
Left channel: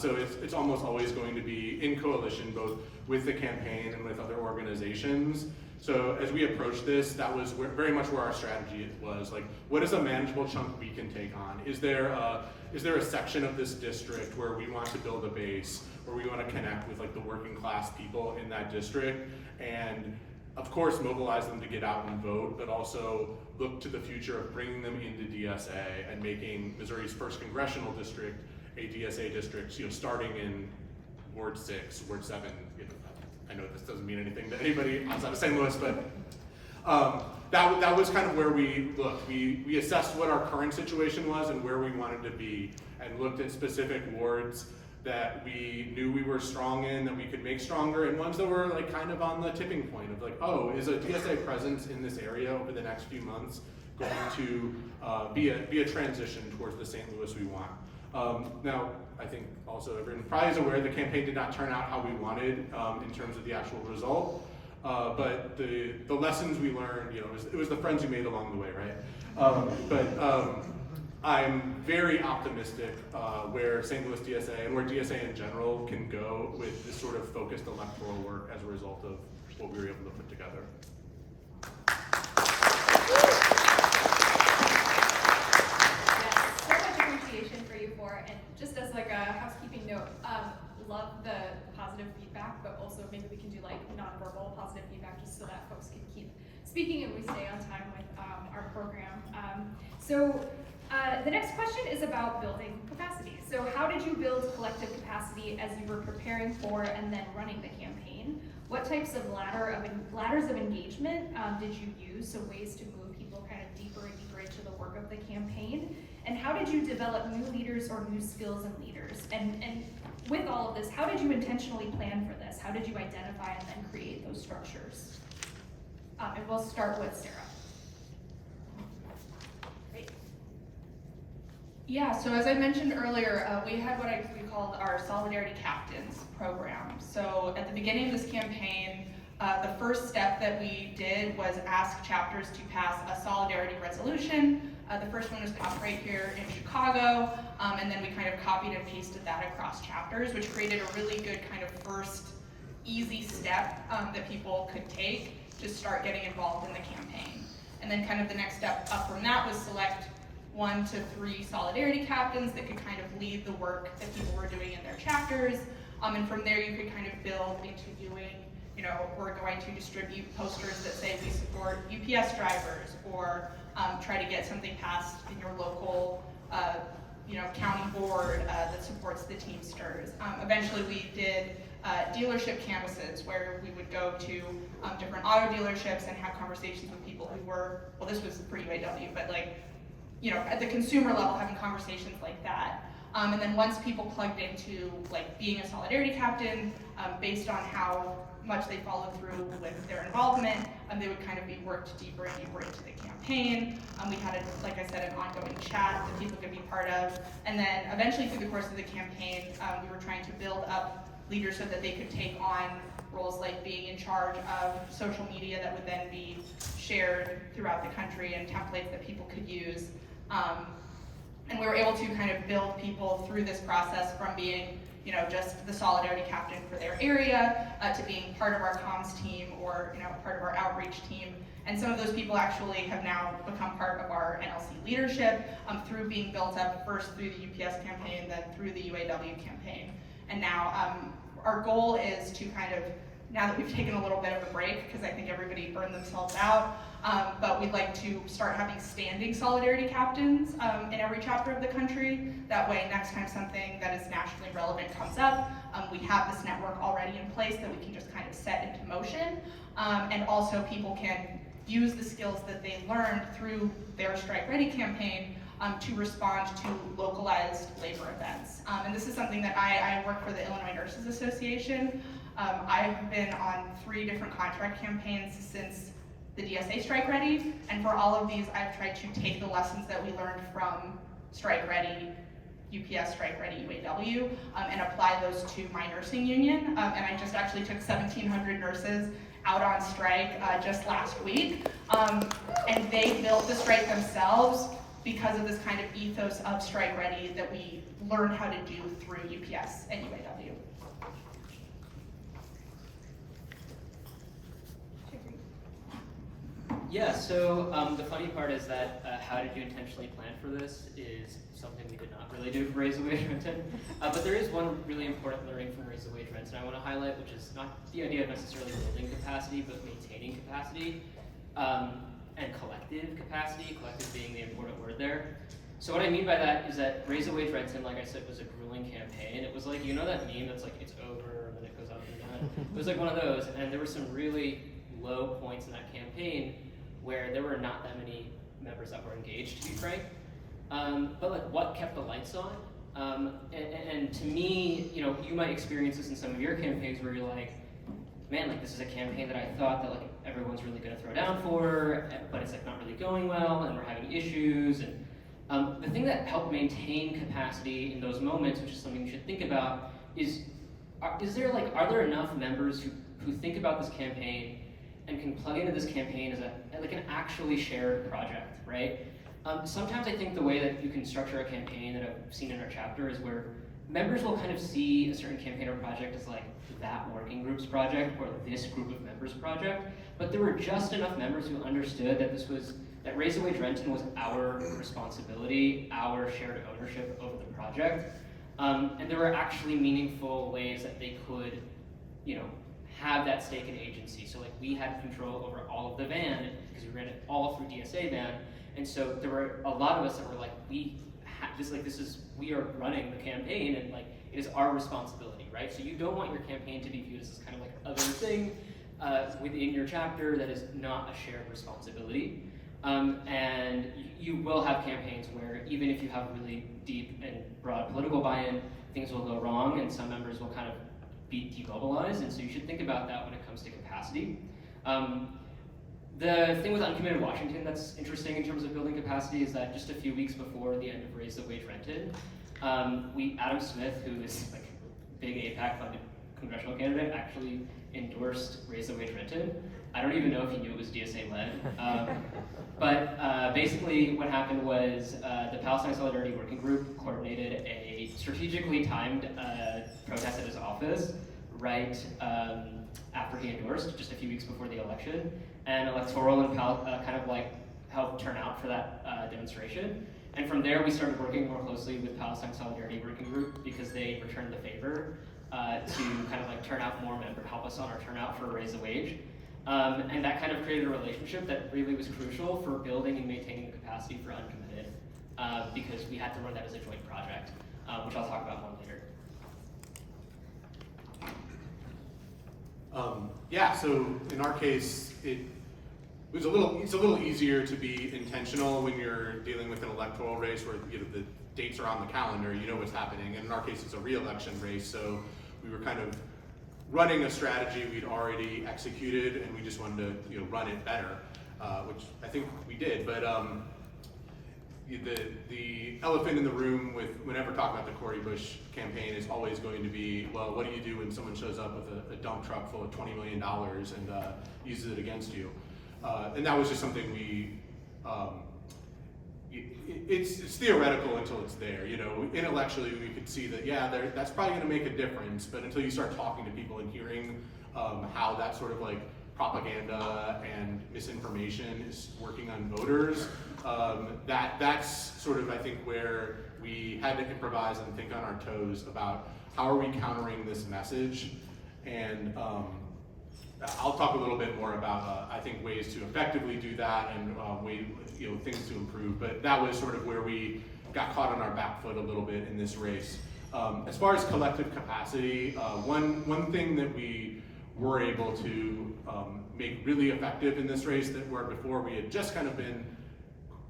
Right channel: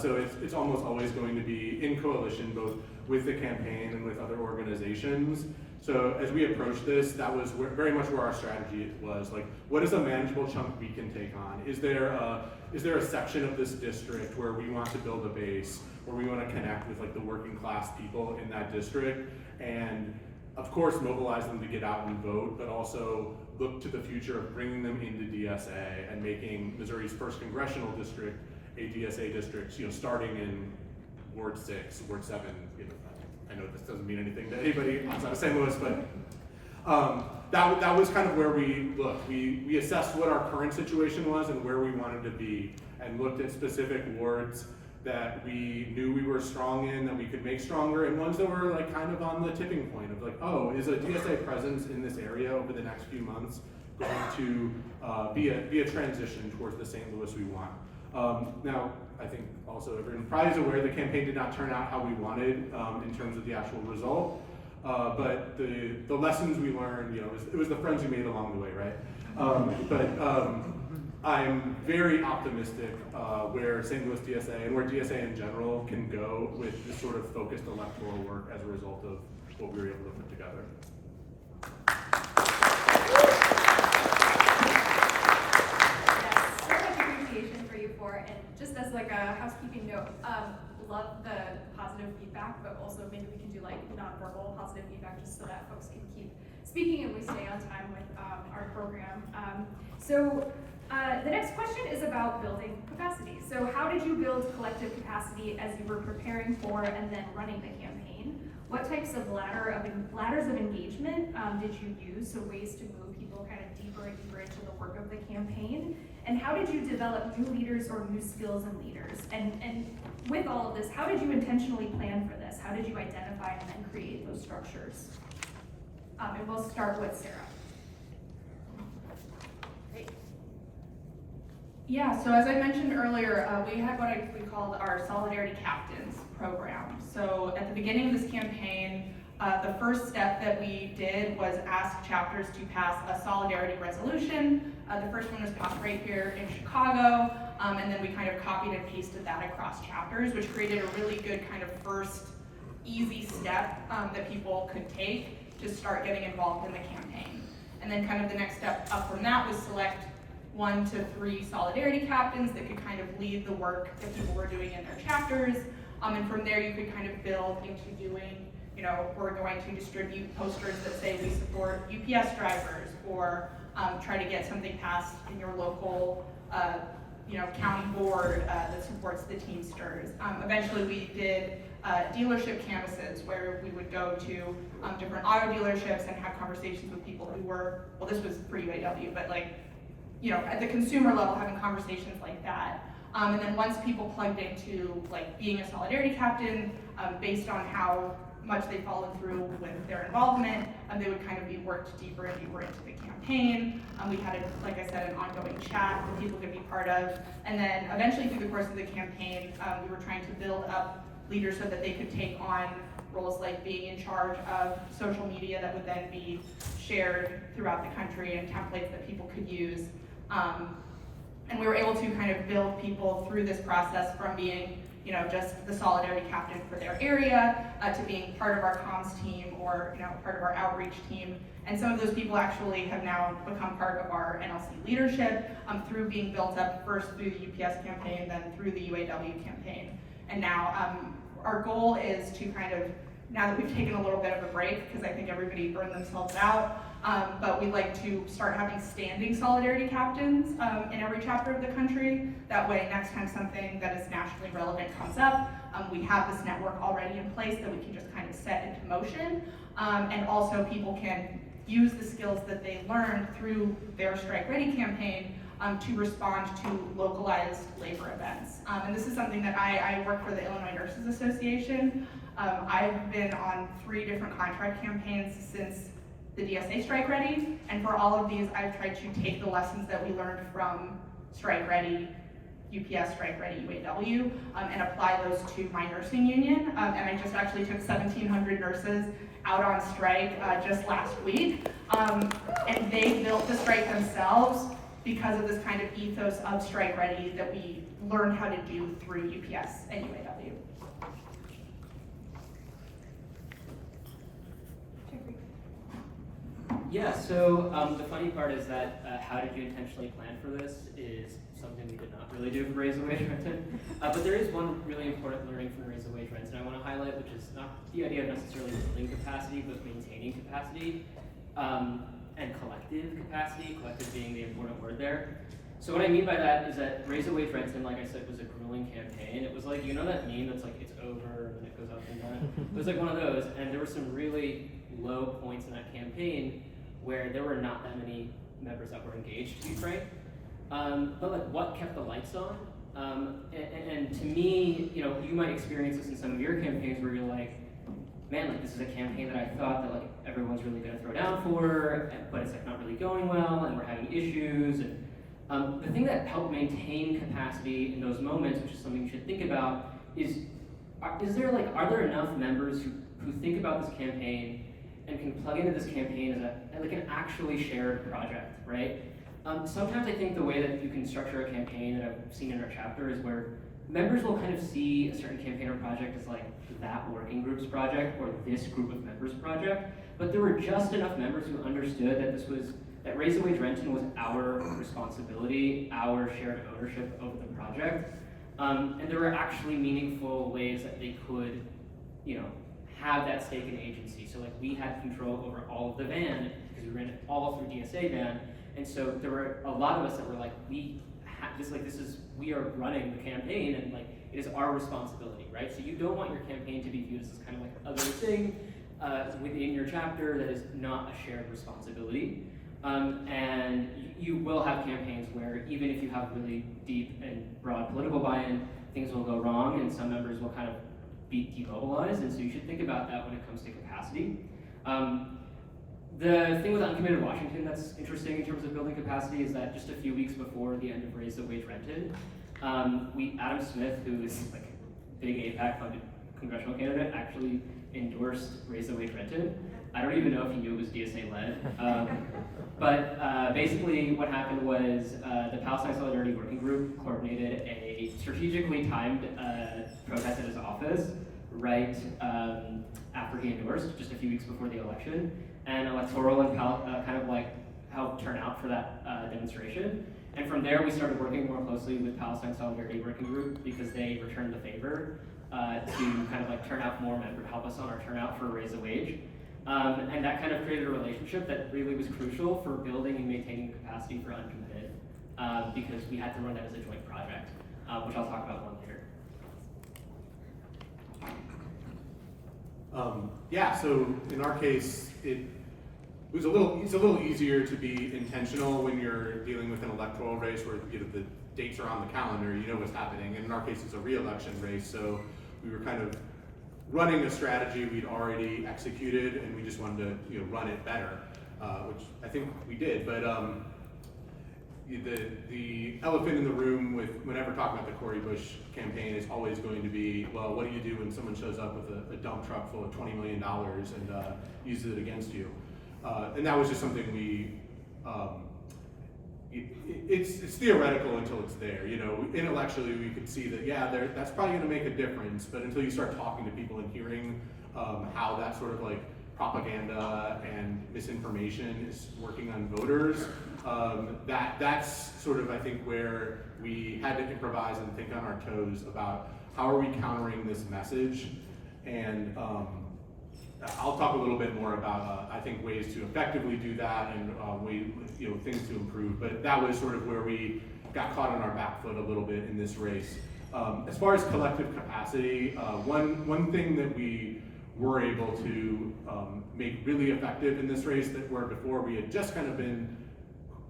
So it's almost always going to be in coalition, both with the campaign and with other organizations. So as we approached this, that was very much where our strategy was. What is a manageable chunk we can take on? Is there a section of this district where we want to build a base, where we want to connect with the working class people in that district, and of course mobilize them to get out and vote, but also look to the future of bringing them into DSA and making Missouri's first congressional district a DSA district, starting in Ward 6, Ward 7. I know this doesn't mean anything to anybody outside of St. Louis, but that was kind of where we looked. We assessed what our current situation was and where we wanted to be, and looked at specific wards that we knew we were strong in, that we could make stronger, and ones that were kind of on the tipping point of oh, is a DSA presence in this area over the next few months going to be a transition towards the St. Louis we want? Now, I think also everyone probably is aware the campaign did not turn out how we wanted in terms of the actual result, but the lessons we learned, it was the friends we made along the way, right? But I'm very optimistic where St. Louis DSA and where DSA in general can go with this sort of focused electoral work as a result of what we were able to put together. Just as a housekeeping note, love the positive feedback, but also maybe we can do nonverbal positive feedback just so that folks can keep speaking and we stay on time with our program. So the next question is about building capacity. So how did you build collective capacity as you were preparing for and then running the campaign? What types of ladders of engagement did you use, so ways to move people kind of deeper and deeper into the work of the campaign? And how did you develop new leaders or new skills in leaders? And with all of this, how did you intentionally plan for this? How did you identify and then create those structures? And we'll start with Sarah. Great. Yeah, so as I mentioned earlier, we had what we called our Solidarity Captains program. So at the beginning of this campaign, the first step that we did was ask chapters to pass a solidarity resolution. The first one was passed right here in Chicago, and then we kind of copied and pasted that across chapters, which created a really good kind of first easy step that people could take to start getting involved in the campaign. And then kind of the next step up from that was select 1 to 3 solidarity captains that could kind of lead the work that people were doing in their chapters. And from there you could kind of build into doing, we're going to distribute posters that say we support UPS drivers, or try to get something passed in your local, county board that supports the Teamsters. Eventually we did dealership canvasses where we would go to different auto dealerships and have conversations with people who were, well, this was pre-UAW, but at the consumer level, having conversations like that. And then once people plugged into being a solidarity captain, based on how much they followed through with their involvement, they would kind of be worked deeper and deeper into the campaign. We had, like I said, an ongoing chat that people could be part of. And then eventually through the course of the campaign, we were trying to build up leaders so that they could take on roles like being in charge of social media that would then be shared throughout the country and templates that people could use. And we were able to kind of build people through this process from being, you know, just the solidarity captain for their area to being part of our comms team or, you know, part of our outreach team. And some of those people actually have now become part of our NLC leadership through being built up first through the UPS campaign, then through the UAW campaign. And now our goal is to kind of, now that we've taken a little bit of a break, because I think everybody burned themselves out, but we'd like to start having standing solidarity captains in every chapter of the country. That way, next time something that is nationally relevant comes up, we have this network already in place that we can just kind of set into motion. And also people can use the skills that they learned through their Strike Ready campaign to respond to localized labor events. And this is something that I work for the Illinois Nurses Association. I've been on 3 different contract campaigns since the DSA Strike Ready, and for all of these, I've tried to take the lessons that we learned from Strike Ready, UPS, Strike Ready, UAW, and apply those to my nursing union. And I just actually took 1,700 nurses out on strike just last week, and they built the strike themselves because of this kind of ethos of Strike Ready that we learned how to do through UPS and UAW. Yeah, so the funny part is that how did you intentionally plan for this is something we did not really do for Raise the Wage Renton. But there is one really important learning from Raise the Wage Renton I want to highlight, which is not the idea of necessarily building capacity, but maintaining capacity and collective capacity, collective being the important word there. So what I mean by that is that Raise the Wage Renton, like I said, was a grueling campaign. It was like, you know that meme that's like, it's over, and then it goes up and down? It was like one of those, and there were some really low points in that campaign where there were not that many members that were engaged, to be frank. But like, what kept the lights on? And to me, you know, you might experience this in some of your campaigns where you're like, man, like this is a campaign that I thought that like everyone's really gonna throw down for, but it's like not really going well, and we're having issues. And the thing that helped maintain capacity in those moments, which is something you should think about, are there enough members who think about this campaign and can plug into this campaign as like an actually shared project, right? Sometimes I think the way that you can structure a campaign that I've seen in our chapter is where members will kind of see a certain campaign or project as like that working group's project or this group of members' project, but there were just enough members who understood that Raise the Wage Renton was our responsibility, our shared ownership over the project, and there were actually meaningful ways that they could, you know, have that stake in agency. So like we had control over all of the van because we ran it all through DSA van, and so there were a lot of us that were like, we are running the campaign, and like it is our responsibility, right? So you don't want your campaign to be viewed as this kind of like other thing within your chapter that is not a shared responsibility. And you will have campaigns where even if you have really deep and broad political buy-in, things will go wrong, and some members will kind of be demobilized, and so you should think about that when it comes to capacity. The thing with uncommitted Washington that's interesting in terms of building capacity is that just a few weeks before the end of Raise the Wage Renton, Adam Smith, who is like a big APAC funded congressional candidate, actually endorsed Raise the Wage Renton. I don't even know if he knew it was DSA led. But basically what happened was the Palestine Solidarity Working Group coordinated a strategically timed protest at his office right after he endorsed, just a few weeks before the election. And Electoral and kind of like helped turn out for that demonstration. And from there we started working more closely with Palestine Solidarity Working Group because they returned the favor to kind of like turn out more members, help us on our turnout for Raise the Wage. And that kind of created a relationship that really was crucial for building and maintaining the capacity for uncommitted because we had to run that as a joint project, which I'll talk about more later. Yeah, so in our case, it's a little easier to be intentional when you're dealing with an electoral race where the dates are on the calendar, you know what's happening. And in our case, it's a re-election race, so we were kind of running a strategy we'd already executed, and we just wanted to run it better, which I think we did. But the elephant in the room whenever talking about the Cori Bush campaign is always going to be, well, what do you do when someone shows up with a dump truck full of $20 million and uses it against you? And that was just something we, it's theoretical until it's there. Intellectually we could see that, yeah, that's probably going to make a difference, but until you start talking to people and hearing how that sort of like propaganda and misinformation is working on voters, that's sort of, I think, where we had to improvise and think on our toes about how are we countering this message. And I'll talk a little bit more about, I think, ways to effectively do that and things to improve. But that was sort of where we got caught on our back foot a little bit in this race. As far as collective capacity, one thing that we were able to make really effective in this race that where before we had just kind of been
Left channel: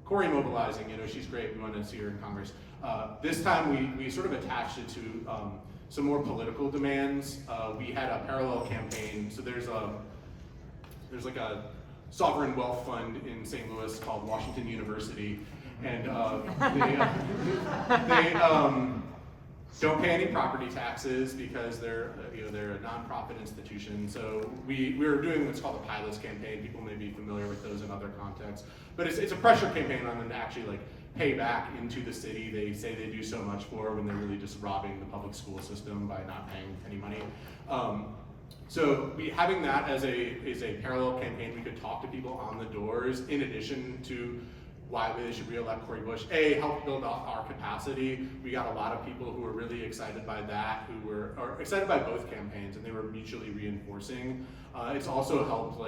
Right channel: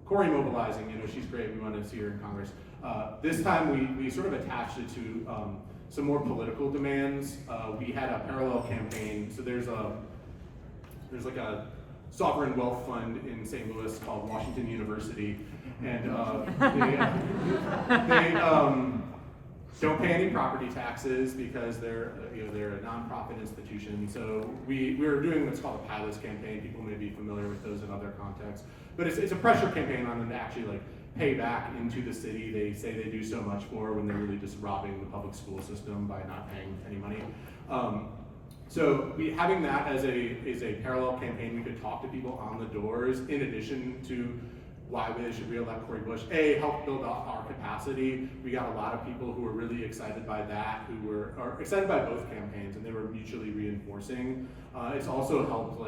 Cori mobilizing, she's great, we want to see her in Congress. This time we sort of attached it to some more political demands. We had a parallel campaign, so there's like a sovereign wealth fund in St. Louis called Washington University, and they don't pay any property taxes because they're a nonprofit institution. So we were doing what's called a PATHIS campaign. People may be familiar with those in other contexts, but it's a pressure campaign on them to actually like pay back into the city they say they do so much for when they're really just robbing the public school system by not paying any money. So having that as a parallel campaign, we could talk to people on the doors in addition to why they should re-elect Cori Bush. Help build up our capacity. We got a lot of people who were really excited by that, who were excited by both campaigns, and they were mutually reinforcing. It's also helped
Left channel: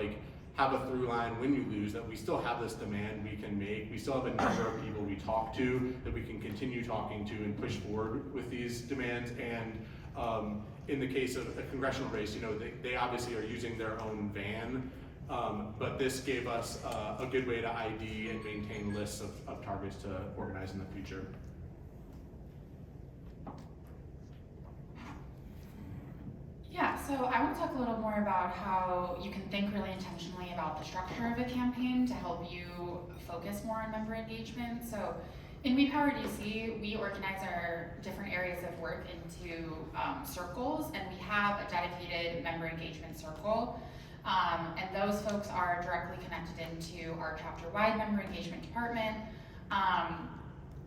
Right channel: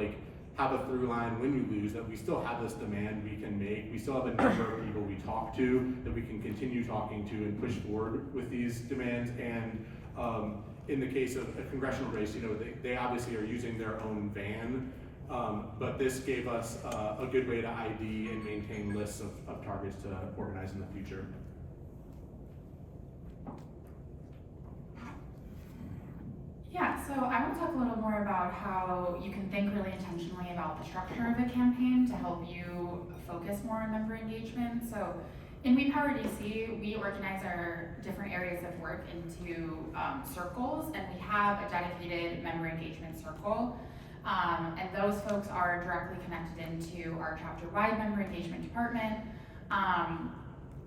have a through line when you lose, that we still have this demand we can make. We still have a number of people we talk to that we can continue talking to and push forward with these demands. And in the case of a congressional race, they obviously are using their own van. But this gave us a good way to ID and maintain lists of targets to organize in the future. Yeah, so I want to talk a little more about how you can think really intentionally about the structure of a campaign to help you focus more on member engagement. So in We Power DC, we organize our different areas of work into circles, and we have a dedicated member engagement circle. And those folks are directly connected into our chapter-wide member engagement department.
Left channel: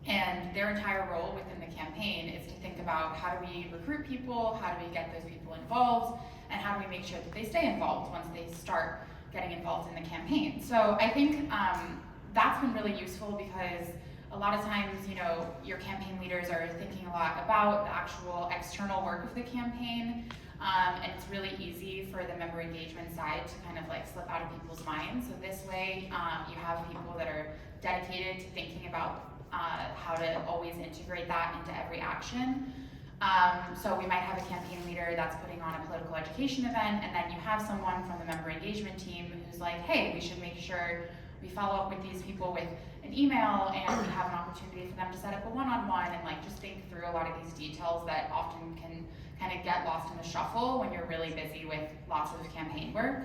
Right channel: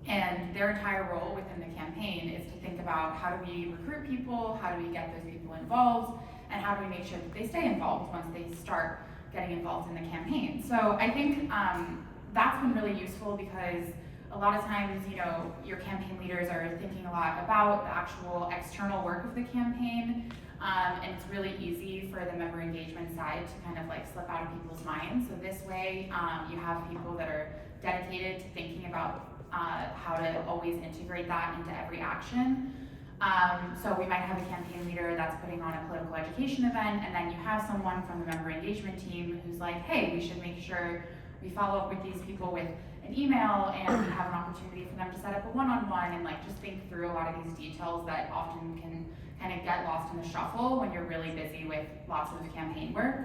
And their entire role within the campaign is to think about how do we recruit people, how do we get those people involved, and how do we make sure that they stay involved once they start getting involved in the campaign. So I think that's been really useful because a lot of times, your campaign leaders are thinking a lot about the actual external work of the campaign. And it's really easy for the member engagement side to kind of slip out of people's minds. So this way, you have people that are dedicated to thinking about how to always integrate that into every action. So we might have a campaign leader that's putting on a political education event, and then you have someone from the member engagement team who's like, hey, we should make sure we follow up with these people with an email, and we have an opportunity for them to set up a one-on-one and just think through a lot of these details that often can kind of get lost in the shuffle when you're really busy with lots of campaign work.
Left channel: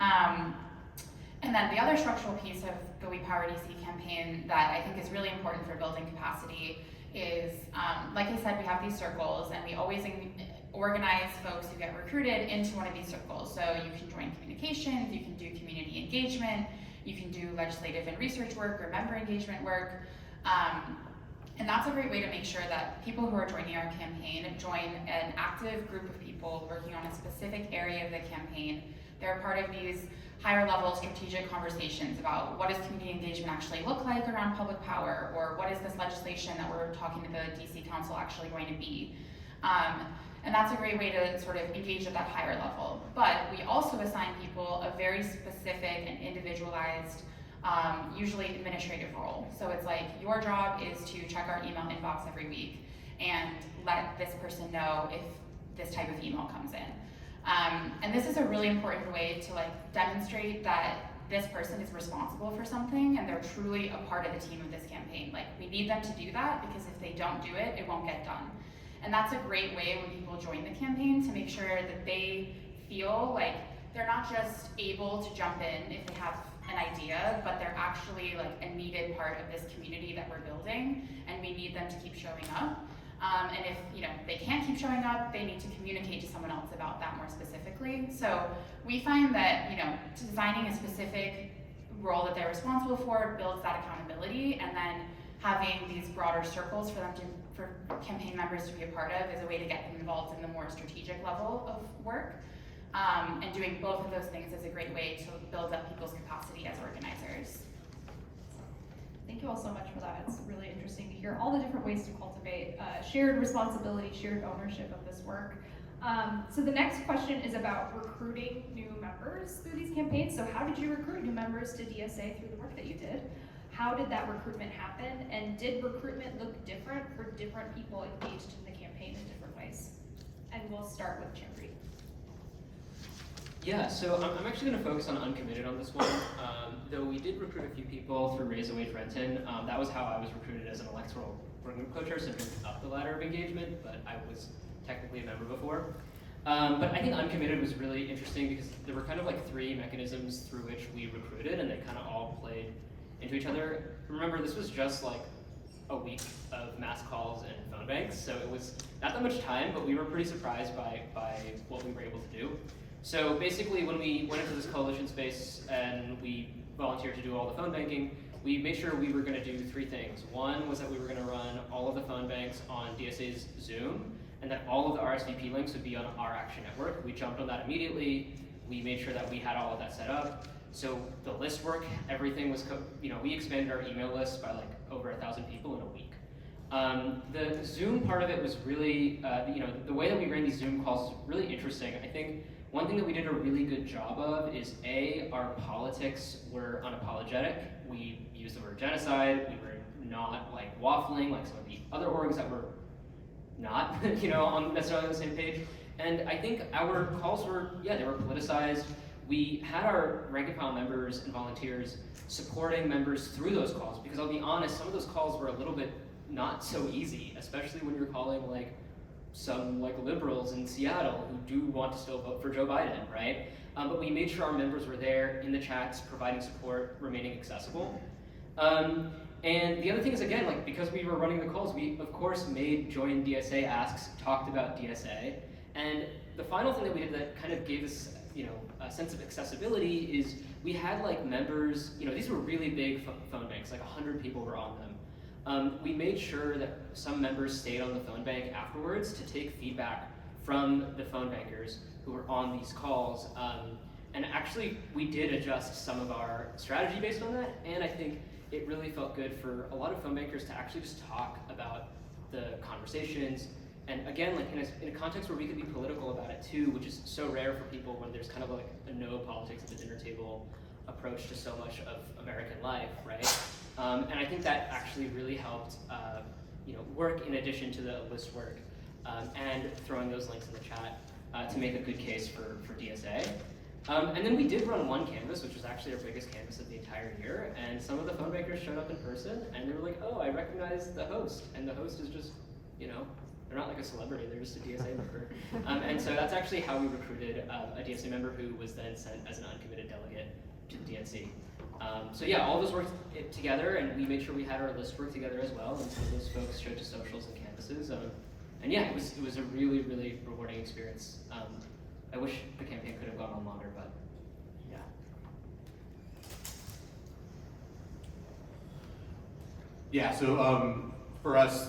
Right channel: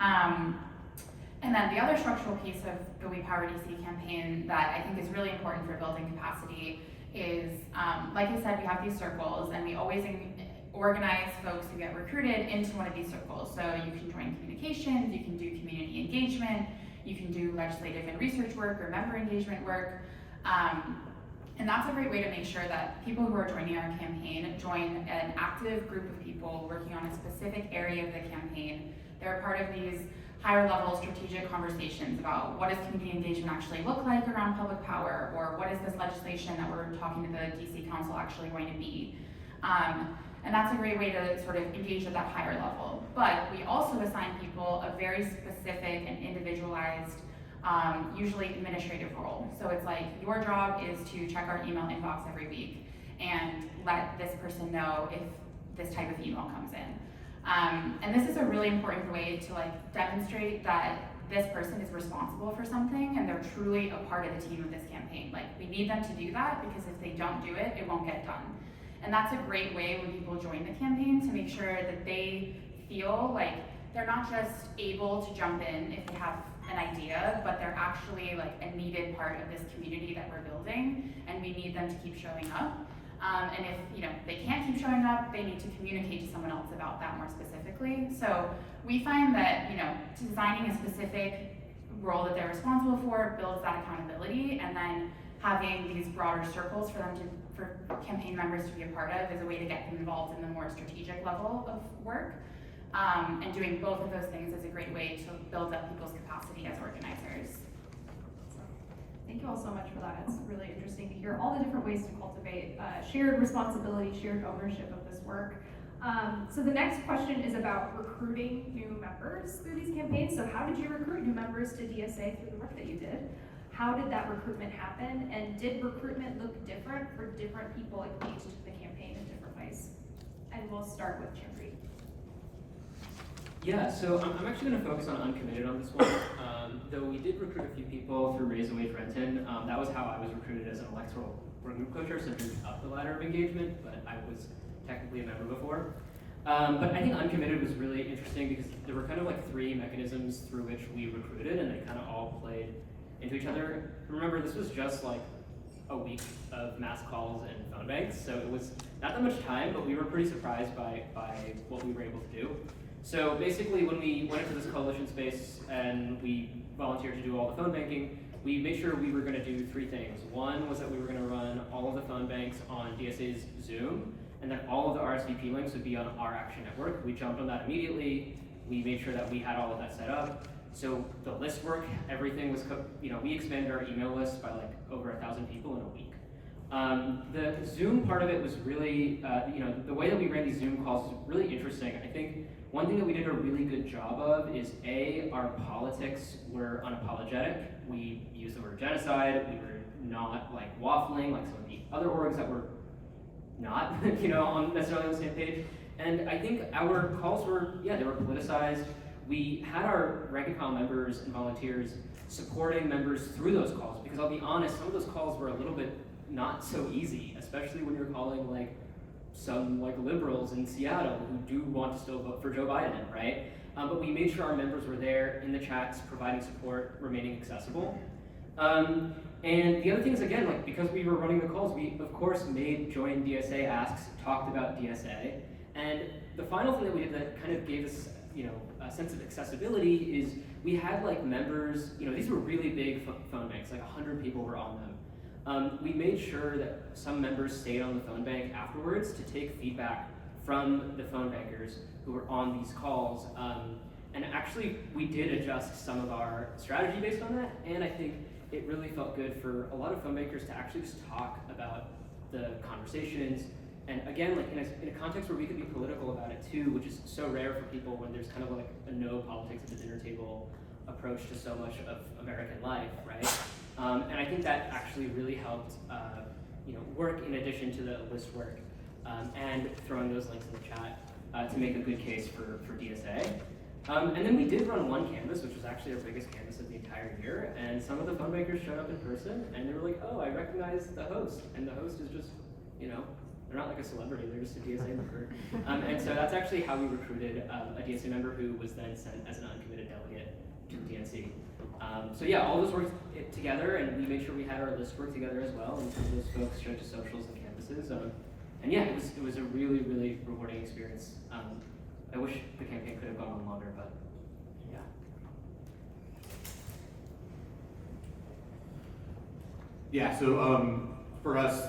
And then the other structural piece of the We Power DC campaign that I think is really important for building capacity is, like I said, we have these circles, and we always organize folks who get recruited into one of these circles. So you can join communications, you can do community engagement, you can do legislative and research work or member engagement work. And that's a great way to make sure that people who are joining our campaign join an active group of people working on a specific area of the campaign. They're part of these higher level strategic conversations about what does community engagement actually look like around public power, or what is this legislation that we're talking to the DC Council actually going to be. And that's a great way to sort of engage at that higher level. But we also assign people a very specific and individualized usually administrative role. So it's your job is to check our email inbox every week and let this person know if this type of email comes in. And this is a really important way to demonstrate that this person is responsible for something and they're truly a part of the team of this campaign. We need them to do that because if they don't do it, it won't get done. And that's a great way when people join the campaign to make sure that they feel like they're not just able to jump in if they have an idea, but they're actually like a needed part of this community that we're building, and we need them to keep showing up. And if they can't keep showing up, they need to communicate to someone else about that more specifically. So we find that designing a specific role that they're responsible for builds that accountability, and then having these broader circles for campaign members to be a part of is a way to get them involved in the more strategic level of work. And doing both of those things is a great way to build up people's capacity as organizers. Thank you all so much for that. It's really interesting to hear all the different ways to cultivate shared responsibility, shared ownership of this work. So the next question is about recruiting new members through these campaigns. So how did you recruit new members to DSA through the work that you did? How did that recruitment happen? And did recruitment look different for different people engaged in the campaign in different ways? And we'll start with Chanpreet. Yeah, so I'm actually going to focus on uncommitted on this one. Though we did recruit a few people through Raise a Wage Renton. That was how I was recruited as an electoral group co-chair, so moved up the ladder of engagement, but I was technically a member before. But I think uncommitted was really interesting because there were kind of like three mechanisms through which we recruited, and they kind of all played into each other. Remember, this was just like a week of mass calls and phone banks, so it was not that much time, but we were pretty surprised by what we were able to do. So basically, when we went into this coalition space and we volunteered to do all the phone banking, we made sure we were going to do three things. One was that we were going to run all of the phone banks on DSA's Zoom, and that all of the RSVP links would be on our Action Network. We jumped on that immediately. We made sure that we had all of that set up. So the list work, everything was, we expanded our email list by like over 1,000 people in a week. The Zoom part of it was really, the way that we ran these Zoom calls was really interesting. I think one thing that we did a really good job of is our politics were unapologetic. We used the word genocide. We were not like waffling like some of the other orgs that were not, necessarily on the same page. And I think our calls were, they were politicized. We had our rank and file members and volunteers supporting members through those calls, because I'll be honest, some of those calls were a little bit not so easy, especially when you're calling like some like liberals in Seattle who do want to still vote for Joe Biden, right? But we made sure our members were there in the chats, providing support, remaining accessible. And the other thing is, again, like because we were running the calls, we of course made Join DSA asks, talked about DSA. And the final thing that we did that kind of gave us, a sense of accessibility is we had like members, these were really big phone banks, like 100 people were on them. We made sure that some members stayed on the phone bank afterwards to take feedback from the phone bankers who were on these calls. And actually, we did adjust some of our strategy based on that, and I think it really felt good for a lot of phone bankers to actually just talk about the conversations. And again, like in a context where we could be political about it too, which is so rare for people when there's kind of like a no politics at the dinner table approach to so much of American life, right? And I think that actually really helped, work in addition to the list work and throwing those links in the chat to make a good case for DSA. And then we did run one canvas, which was actually our biggest canvas of the entire year, and some of the phone bankers showed up in person, and they were like, oh, I recognize the host, and the host is just, they're not like a celebrity, they're just a DSA member. And so that's actually how we recruited a DSA member who was then sent as an uncommitted delegate to the DNC. So yeah, all those worked together, and we made sure we had our list work together as well, and some of those folks showed to socials and campuses. And yeah, it was a really, really rewarding experience. I wish the campaign could have gone on longer, but yeah. Yeah, so for us,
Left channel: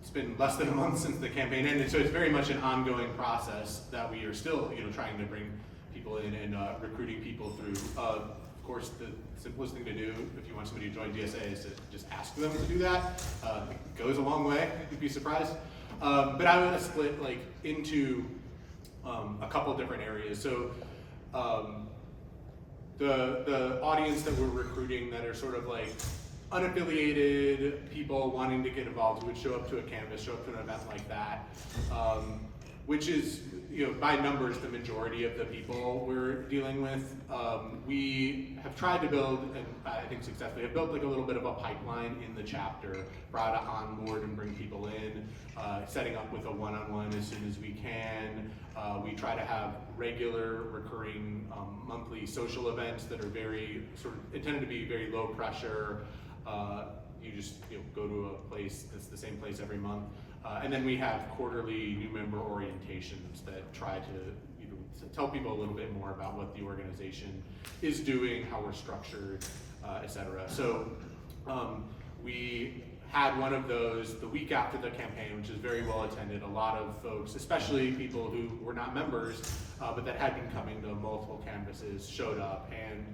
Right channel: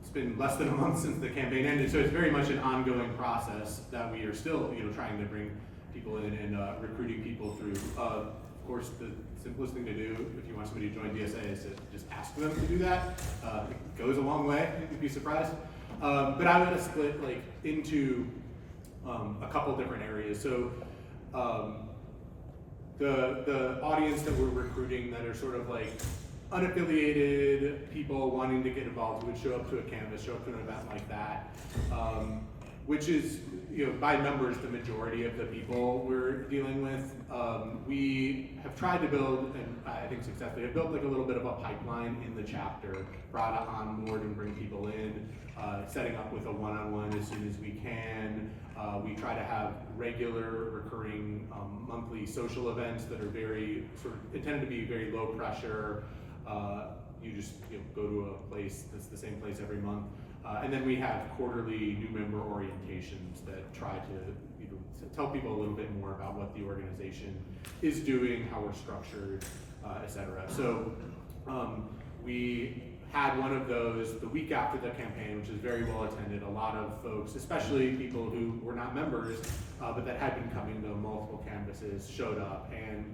it's been less than a month since the campaign ended, so it's very much an ongoing process that we are still, trying to bring people in and recruiting people through. Of course, the simplest thing to do if you want somebody to join DSA is to just ask them to do that. It goes a long way, you'd be surprised. But I'm gonna split into a couple different areas. So the audience that we're recruiting that are sort of like unaffiliated people wanting to get involved who would show up to a canvas, show up to an event like that, which is, by numbers, the majority of the people we're dealing with. We have tried to build, and I think successfully, have built like a little bit of a pipeline in the chapter, brought on board and bring people in, setting up with a one-on-one as soon as we can. We try to have regular, recurring, monthly social events that are very intended to be very low pressure. You just go to a place that's the same place every month. And then we have quarterly new member orientations that try to tell people a little bit more about what the organization is doing, how we're structured, etc. So we had one of those the week after the campaign, which is very well attended. A lot of folks, especially people who were not members, but that had been coming to multiple canvases, showed up, and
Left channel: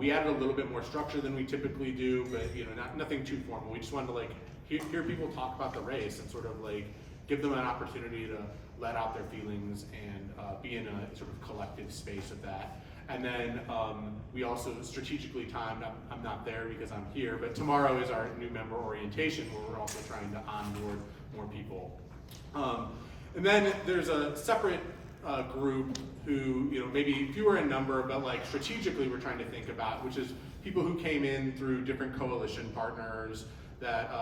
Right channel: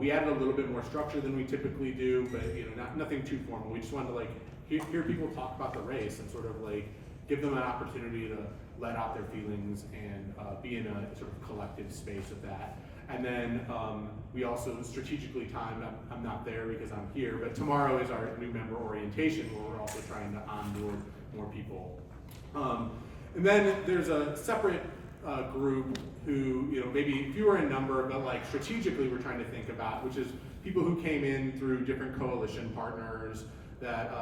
we added a little bit more structure than we typically do, but nothing too formal. We just wanted to hear people talk about the race and sort of give them an opportunity to let out their feelings and be in a sort of collective space of that. And then we also strategically timed, I'm not there because I'm here, but tomorrow is our new member orientation where we're also trying to onboard more people. And then there's a separate group who, maybe fewer in number, but strategically we're trying to think about, which is people who came in through different coalition partners that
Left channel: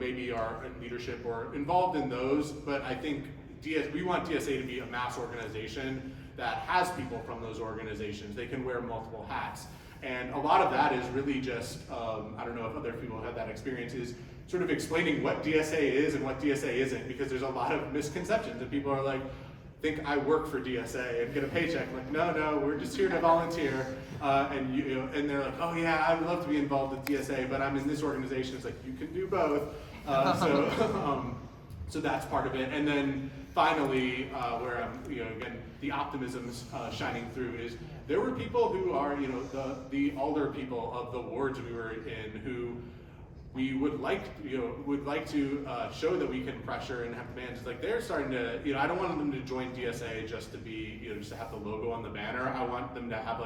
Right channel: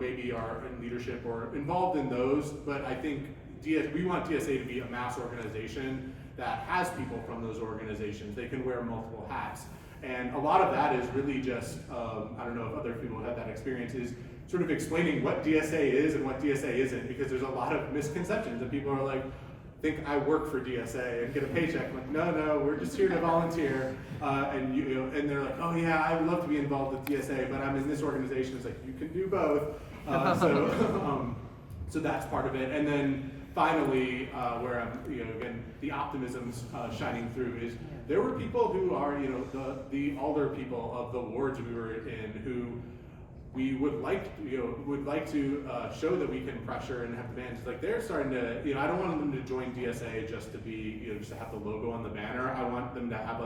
maybe are in leadership or involved in those, but I think we want DSA to be a mass organization that has people from those organizations. They can wear multiple hats. And a lot of that is really just, I don't know if other people have had that experience, is sort of explaining what DSA is and what DSA isn't, because there's a lot of misconceptions and people are think I work for DSA and get a paycheck. No, we're just here to volunteer. And they're oh yeah, I would love to be involved with DSA, but I'm in this organization. It's you can do both. So that's part of it. And then finally, where I'm, again, the optimism's shining through is there were people who are, the older people of the wards we were in who we would like to show that we can pressure and have demands. They're starting to, I don't want them to join DSA just to be, just to have the logo on the banner. I want them to have